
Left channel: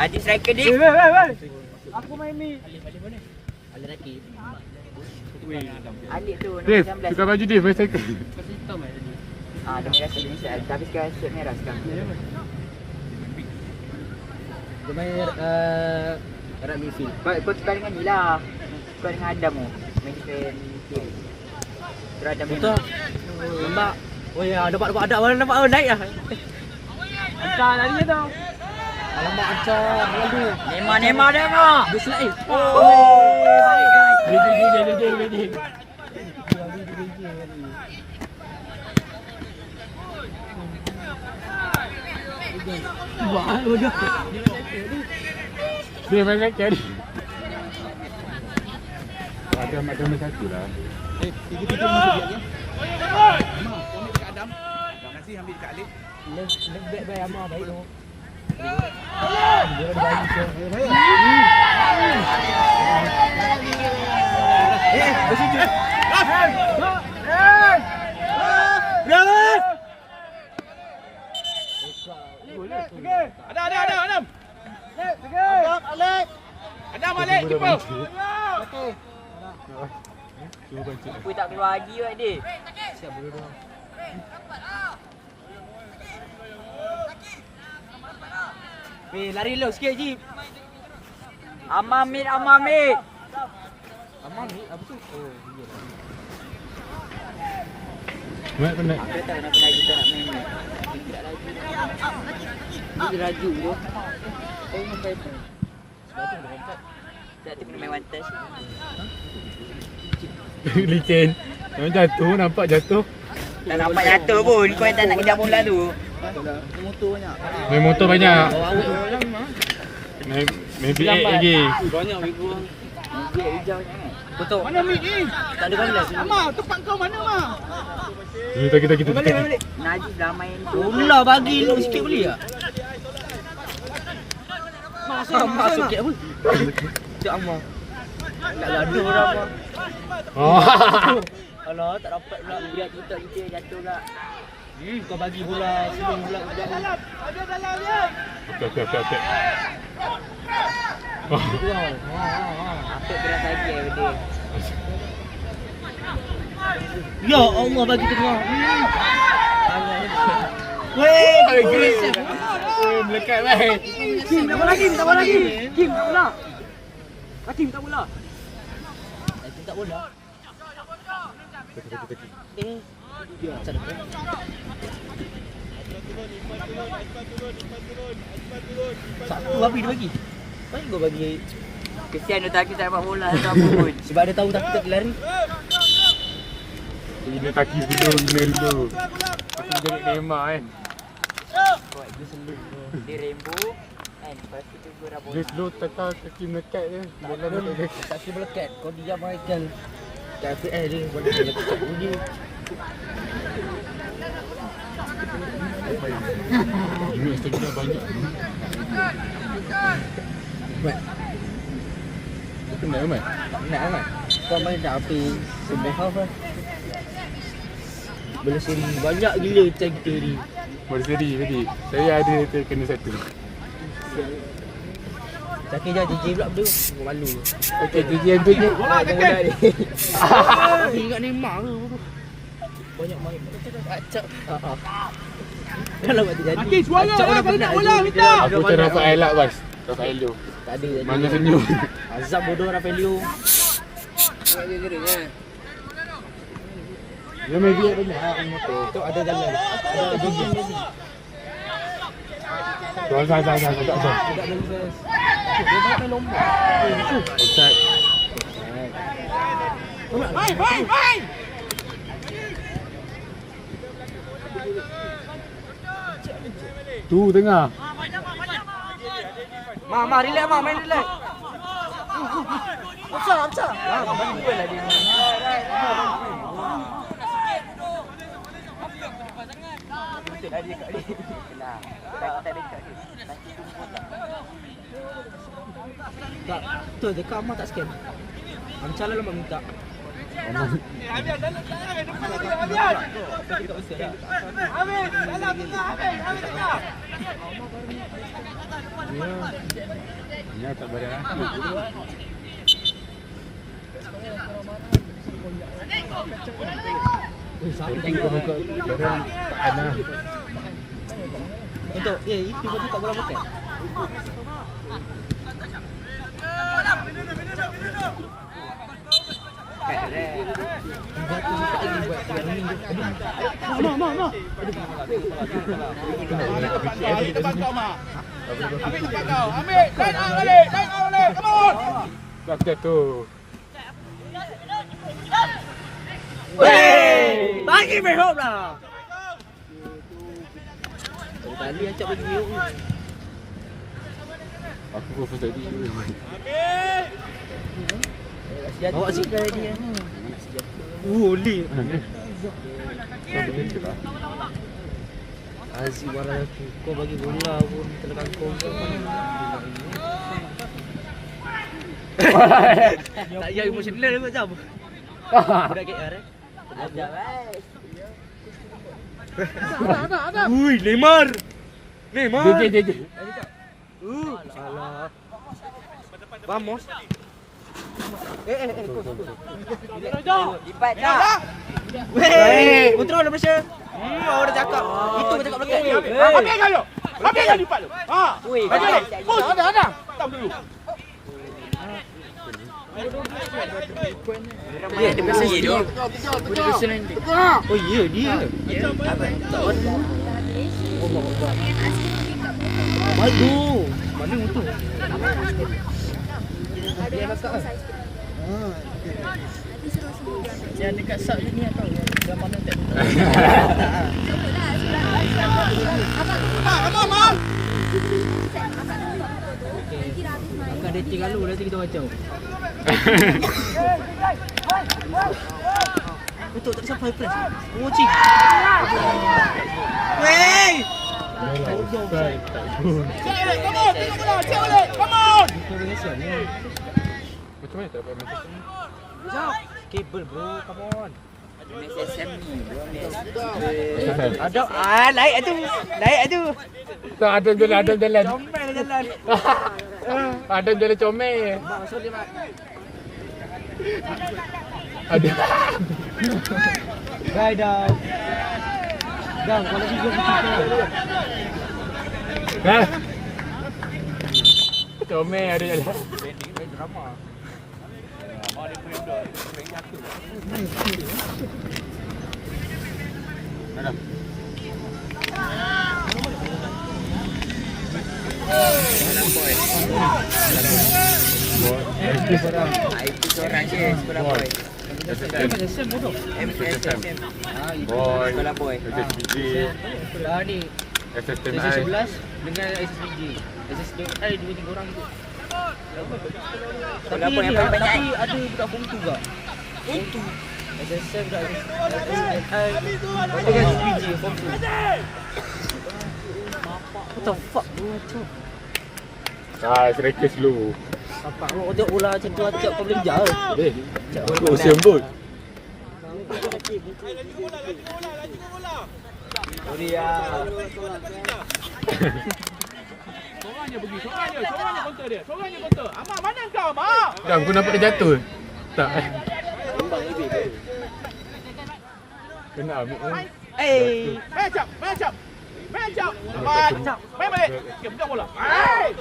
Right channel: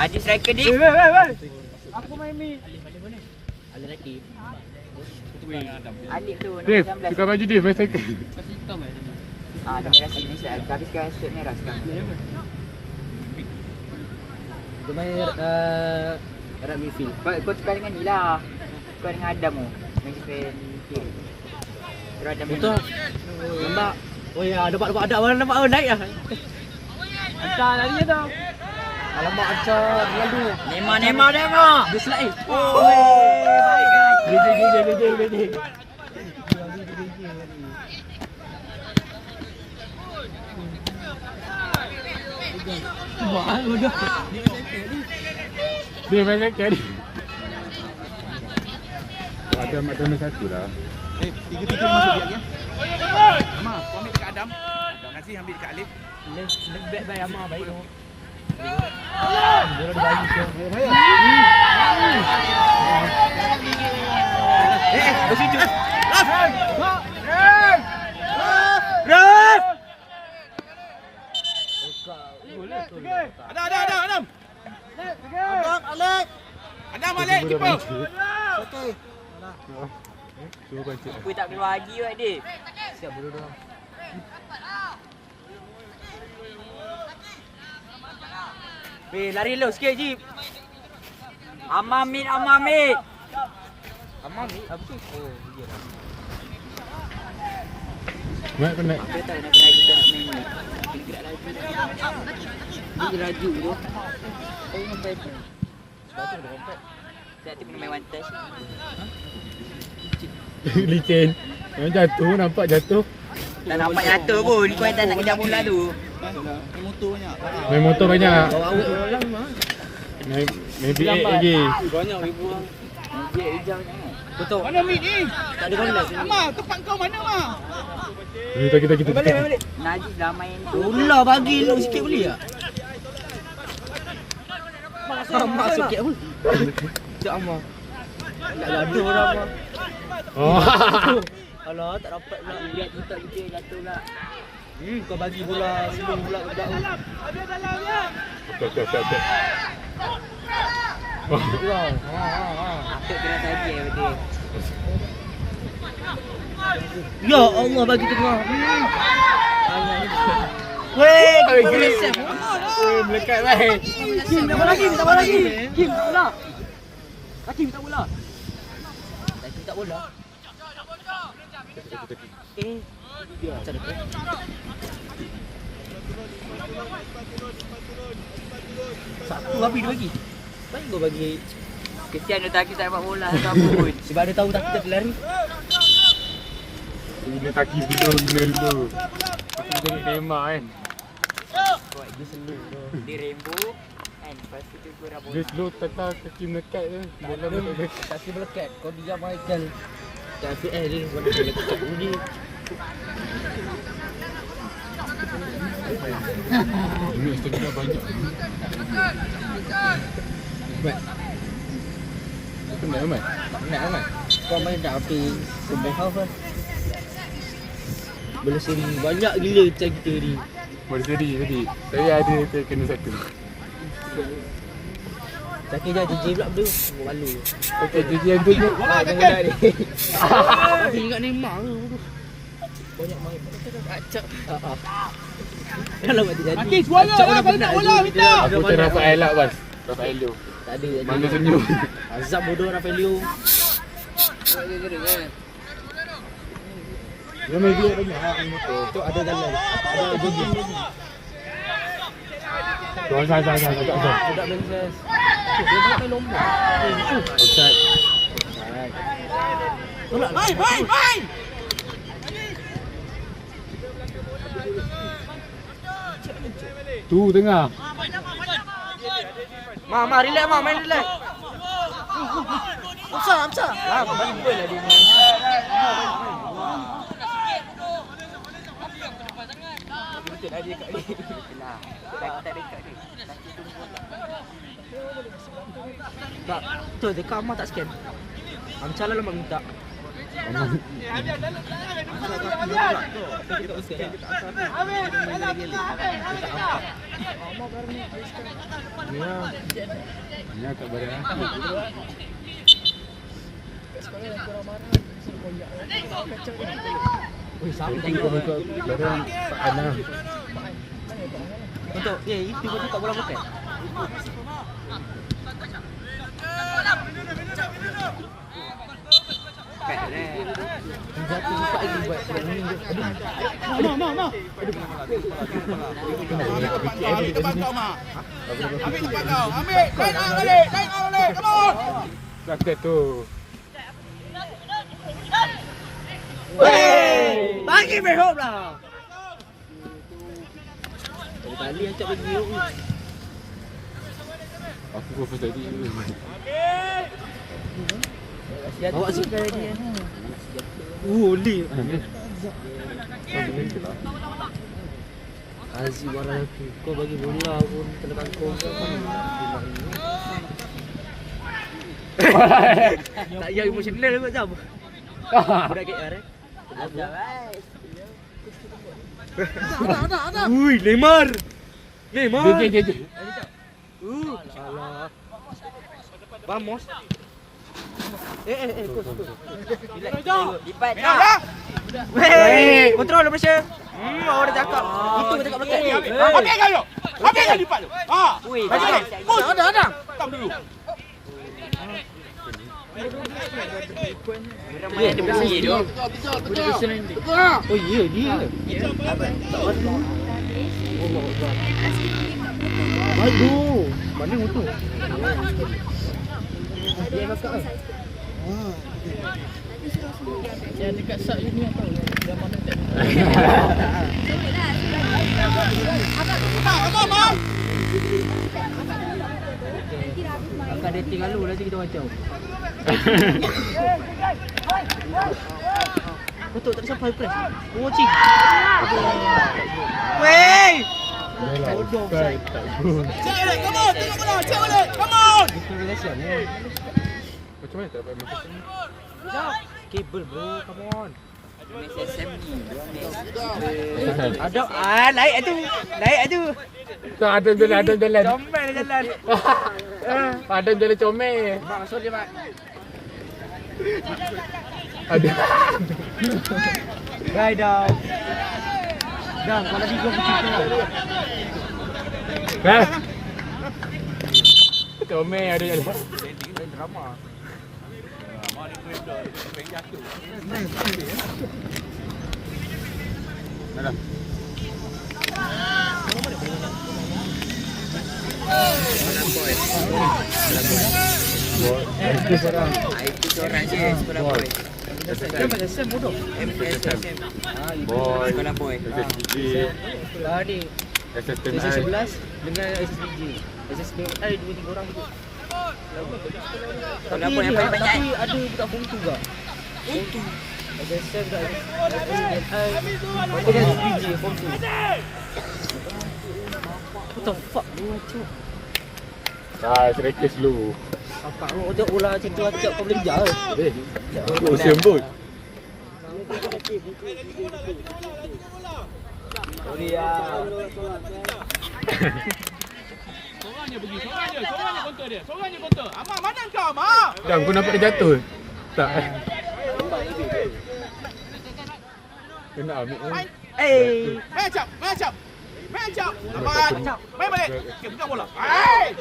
Adik striker dia. Aku main mid. Ali Rati. Adik tu Div, nombor 19. tukar baju Div, main cycle. Dia merah sini tapi sekarang shirt merah sekarang. Dia main Arab midfield. Kau tukar dengan ni lah. Kau dengan Adam tu main defend kiri. Terus Adam Betul. Nampak. Oh ya, dapat nampak naik ah. Hantar lari tu. Alamak Ancar lalu. Nema. Dia slide. Oh. Dia. Wah, udah. Dia banyak kan. Ada mak kena satu lah. Adam nasi ambil dekat Alif. Baik amat baik tu. Dia bagi ke. Bersetuju. Ada. Adam. Adam balik keeper. Cuba baca. Aku tak boleh bagi buat dia. Siap bodoh dah. Lari lu sikit je. Amamit. Amam ni apa tu? Oh, iya. Mak kena. Kita tak nak lagi kita nak main ni. Gerak lagi. Dia raju tu. Oh, sampai tu. Baca dah kontak. Tak tu main one touch. Licin. Memang jatuh, nampak jatuh. Tak nampak jatuh pun. Kau yang tak nak kejar bola tu. Main motor banyak. Main BA lagi. Banyak ibu. Dia hijaunya. Betul. Mana mid ni? Tak ada balas. Sama, tempat kau mana mah? Kita. Najib dah main tu. Bola bagi lu sikit boleh tak? Masuk sikit apa? Cik Ammar. Tak gaduh orang apa. Oh. Alah, tak dapat pula. Lihat kita jatuh pula. Kau bagi bola sebelum pula ke budak tu. Ada dalam dia. Okey. Kurang. Apik kena lagi dia. Ya Allah bagi tengah. Weh, melekat baik. Kim tak bola. Kim tak bola. Kim tak bola. Kim tak bola. Macam tu. Satu habis dia bagi. Baik kau bagi. Kesian dia tak dapat bola atau apa pun. Sebab dia tahu tak kita lari. Guna kaki dulu. Aku jadi Neymar kan. Buat dia selalu. Dia rainbow kan. Lepas tu dia gora bola. Dia slow tetap kaki melekat je. Bola melekat. Kaki melekat. Kau diam Michael. Kaki dia boleh lekat bunyi. Ini stamina banyak. Mat. Itu nak Mat. Nak Mat. Kau main dah api sebelah half lah. Boleh seri banyak gila macam kita ni. Boleh seri tadi. Saya ada kena satu. Cakap je JJ pula tu. Malu. Okey, jadi yang tu je. Main dengan budak ni. Aku ingat Neymar ke bodoh. Banyak main. Acak. Kalau mati jadi. Mati suara lah kalau nak bola minta. Aku macam Rafael lah bas. Rafael tu. Tak ada. Mana senyum. Azab bodoh Rafaelio. Dia main dia banyak main motor. Tu ada jalan. Ada jogging lagi. Tuan saya. Budak beli. Dia nak main lomba. Offside. Main. Tu tengah. Ma, relax ma, main relax. Macam. Lah, main gol lah dia ni. Tak, tu je kau tak scan. Amcal lah mak minta. Ya, tak barang. Tapi kau buka barang tak kena. Untuk itu pun tak boleh pakai. Jaket tu. Bagi behop lah. Tali acak bagi behop. Aku pun first tadi. Awak suka dia. Oli. Aziz warna aku. Kau bagi bola pun telekan kau ke mana? Tak payah emosional kot jam. Budak KR eh. Ui, Neymar. JJ. Salah. Vamos. Lipat dah. Weh, kontrol pressure. Orang dah cakap. Itu cakap belakang. Pakai kau. Pakai kau lipat tu. Ha. Ui, Baca kau. Ada. Tam dulu. Ya, dia biasa dia. Budak biasa nanti. Oh ya, dia. Apa? Tak wadu. Oh, buat. Wadu. Mana motor? Dia nak kat. Yang dekat sak ni apa? Gambar motor. Akan dating lalu nanti kita macam. Betul tak sampai press. Watching. Wey! Cek boleh. Come on. Macam mana tak dapat macam ni? Kabel bro, come on. MSSM ni. Ada naik tu. Tak ada jalan. Comel jalan. Ada jalan comel. Masuk dia mak. Ada. Right down. Down kalau video kita. Hah? Comel ada jalan. Drama. Dalam. Itu seorang je sekolah boy. Macam sen bodoh. MSSM. Boy. Sekolah boy. SSG. Tadi SSTMI. SS11 dengan SSBG. SSTMI dua orang tu. Tapi ada budak form 2 juga. Form 2. SSM kat SSTMI. Dengan SSBG form 2. What the fuck bro macam. Serikis dulu. Bapak kau tengok bola macam tu acak kau boleh kejar ke? Aku usia embut. Boria. Seorang je pergi. Seorang je kontor dia. Amak mana kau, Amak? Jam aku nampak dia jatuh. Tak. Kena ambil kan. Main cap. Cepat. Main balik. Sikit buka bola. Hai.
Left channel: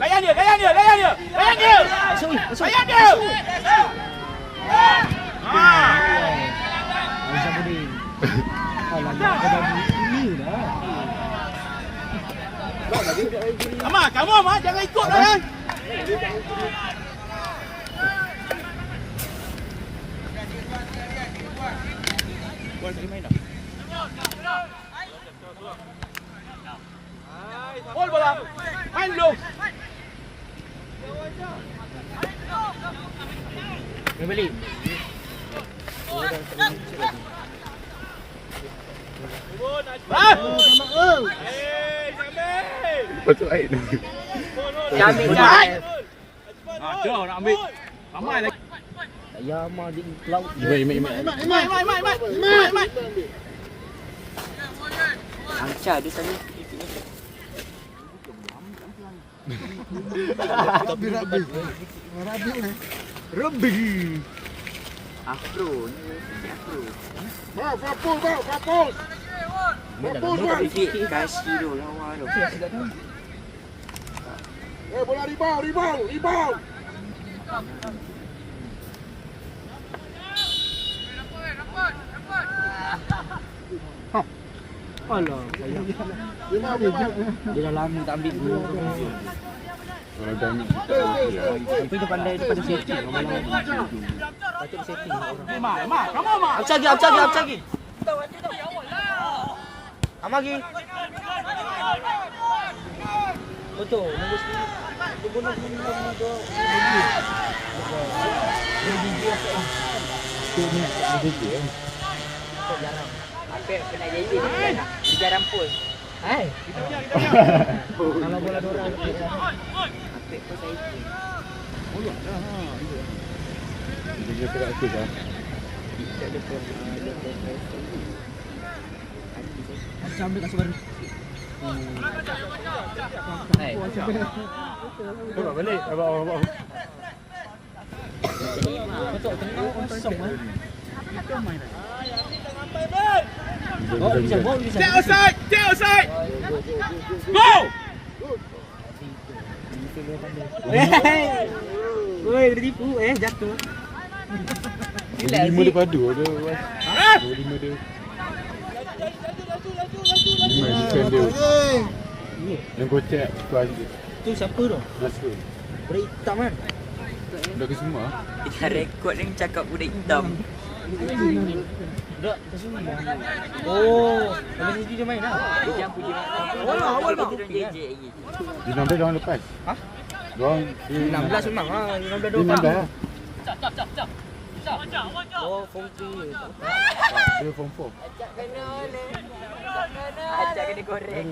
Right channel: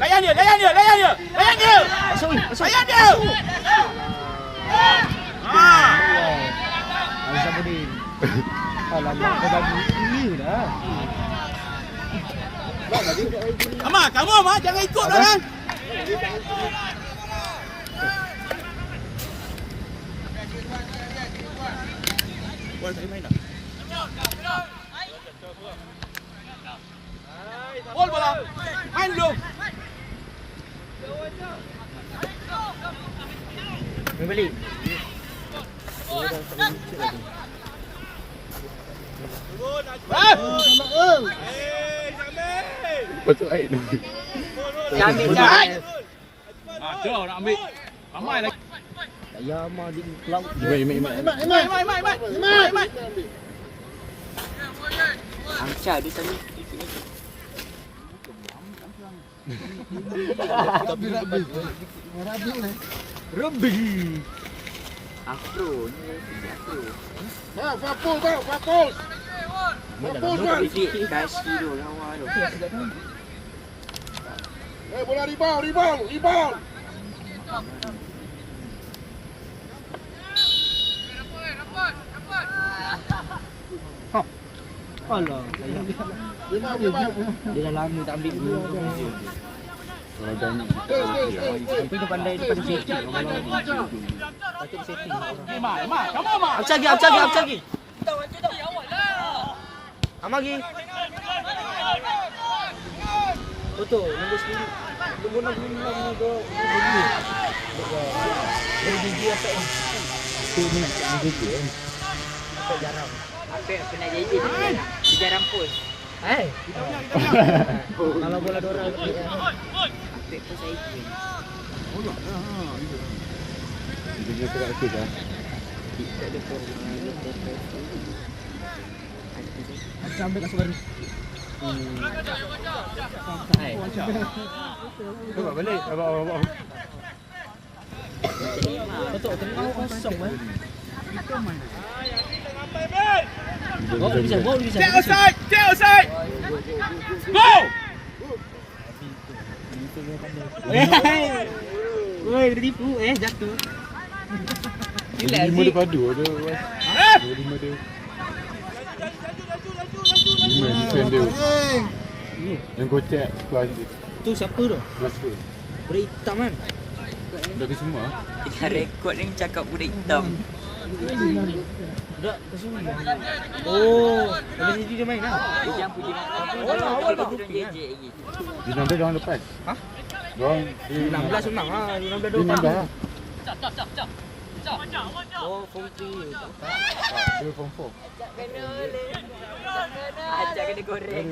Layan dia. Masuk. Layan dia. Azabudin. Alamak kau bagi ini dah. Amak, kamu Amak jangan ikut kan. Bol bola. Main dulu. Main balik. Patut air tu. Jamik dah. Jom nak ambil. Ramai lagi. Tak payah mah di cloud. Imat. Mai. Angca dia tadi. Rembi. Afro ni. Papus. Guys video lawa tu. Bola rebound. Alah, sayang. Dia dah lama tak ambil gol. Kalau jangan Tapi dia pandai setting. Patut dia setting. Mak, kamu mak. Up lagi. Amagi. Betul, nombor sendiri. Dia boleh minum ni ke bagi. Dia gigi apa ni? tu ni dia. Jarang. Pernah jadi dia jarang post. Kalau bola dorang Pek post saya tu. Dia kira aktif ah. Macam ambil kasut baru. Hai. Bawa balik. Bawa. Betul, tengah kosong eh. Oh, bisa. Take outside. Go. Woi, dia tipu jatuh. 5 dia padu ada. 5 dia. 5 defend dia. Yang kocak kelas dia. Tu siapa tu? Kelas tu. Budak hitam kan? Dah ke semua. Kita rekod ni cakap budak hitam. Budak kesuni. Oh, kalau jadi dia main lah. Dia jangan puji mak. Kita turun JJ lagi. Di 16 orang lepas. Hah? Diorang 16 memang lah. 16 Di 16 lah. Oh, form 3. Dia form 4. Acak kena goreng.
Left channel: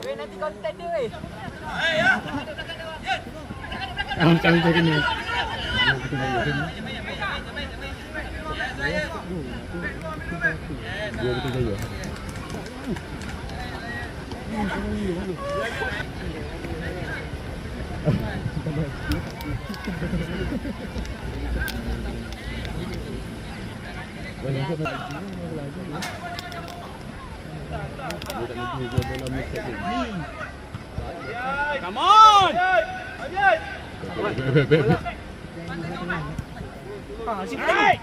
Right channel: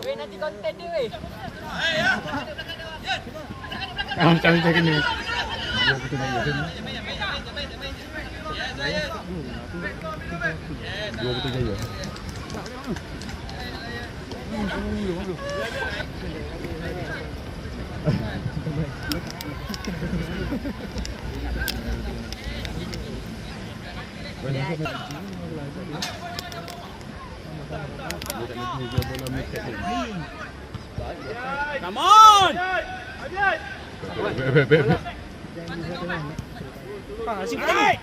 Weh nanti konten dia weh. Angkat dia kena. Dua betul saya. Come on. Asyik lagi.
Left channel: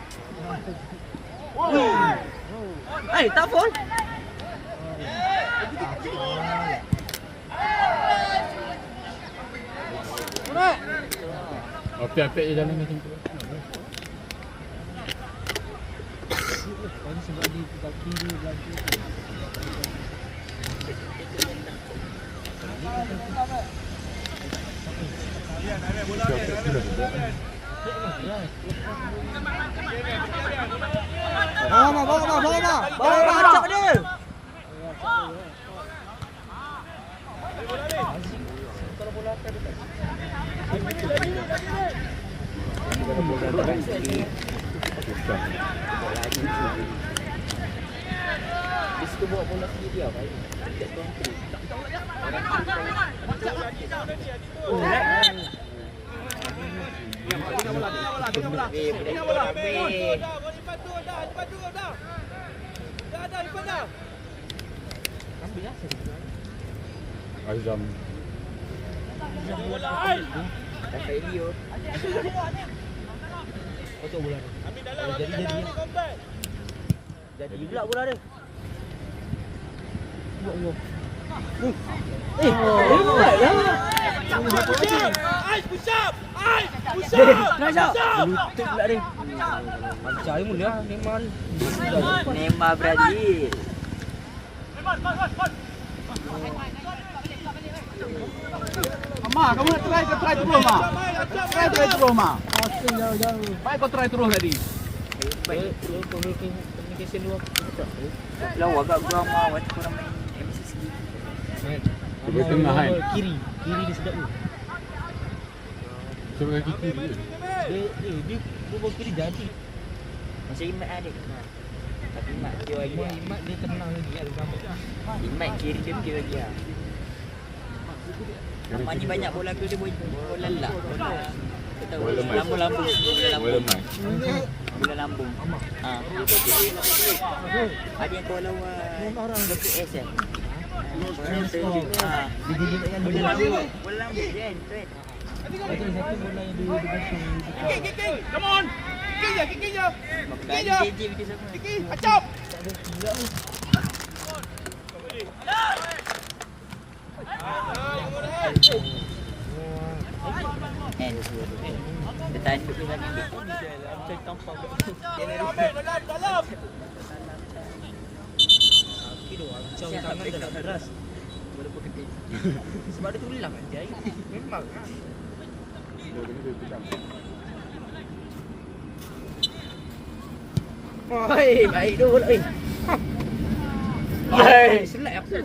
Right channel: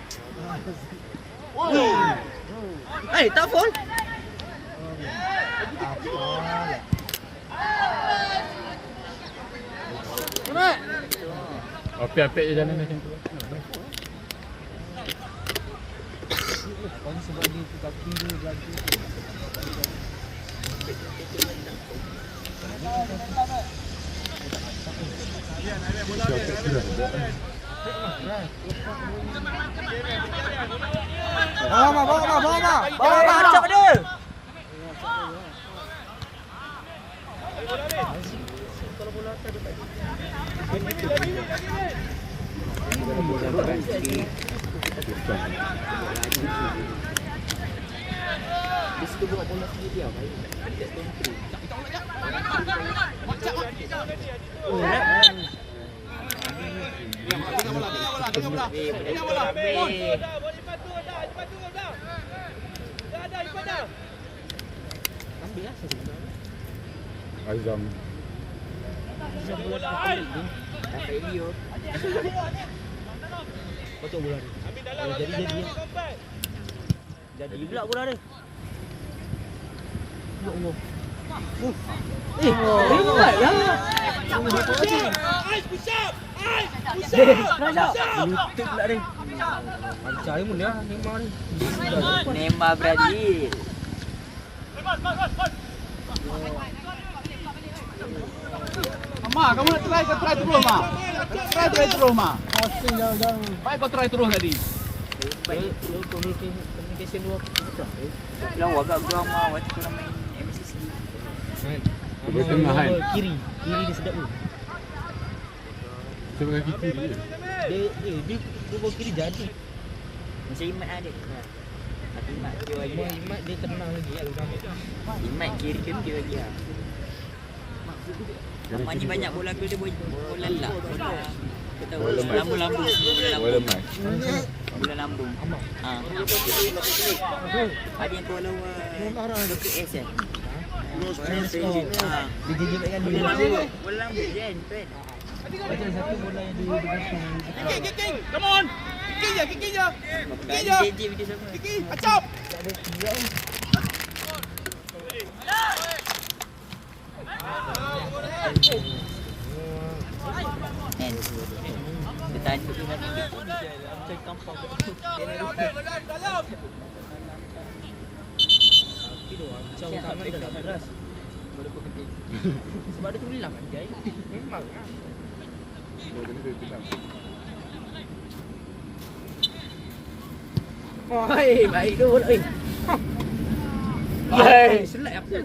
Tak foul. Apik-apik je dalam macam tu. Bawa acak dia. Dia suka bawa bola sendiri lah. Tak tentu. Azam. Kocok bola dia. Kalau jadi lah. Jadi pula bola dia. Ya Allah. Lutut pula dia. Pancai pun dia. Neymar Brazil. Ma, kamu nak try terus, Ma. Try terus, Ma. Baik kau try terus tadi. Baik, communication dua. Lawa agak kurang mau waktu kurang main MCC. Cuba tengah kan. Kiri dia sedap tu. Saya pakai kiri dia. Dia bawa kiri jadi. Macam Imat ada. Tapi Imat Imat dia tenang lagi lah. Imat kiri dia okey lagi lah. Mani banyak bola tu dia bola lelak. Bola lemas. Lambung. Bola lemas. Bola lambung. Ada yang bola BTS eh. Dia jadi dengan Bola bola. lambung. Bola lambung kan. Satu bola yang dia Kiki, come on. Kiki je. JJ video sama. Kiki, acap. Bertajuk dengan dia tampang dia ni Macam tak keras. boleh pergi. Sebab dia tulang dia. Memang. Oi, baik tu. Oi. Hai, selak aku.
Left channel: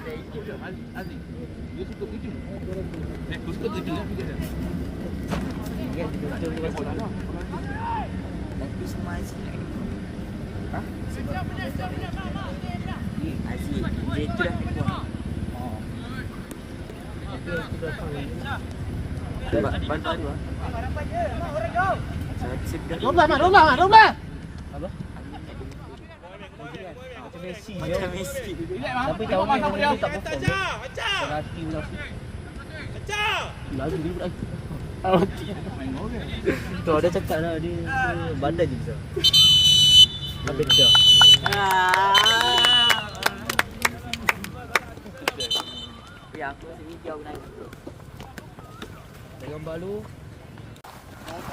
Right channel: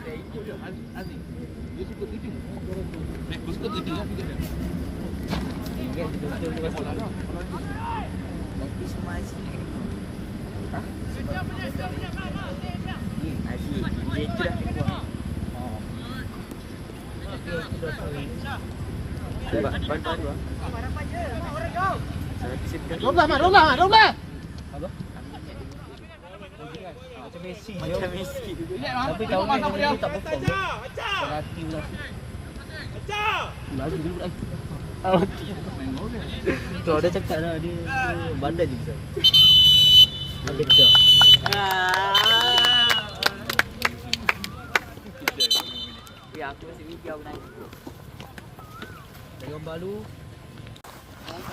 Roblah. Apa? Macam Messi. Tapi tahun ni dia tak perform. Berhati pula. Lagi dulu lagi. Tu ada cakap dah dia badan je besar. Habis dah. Ya, aku rasa video aku nak. Tengok balu. Apa?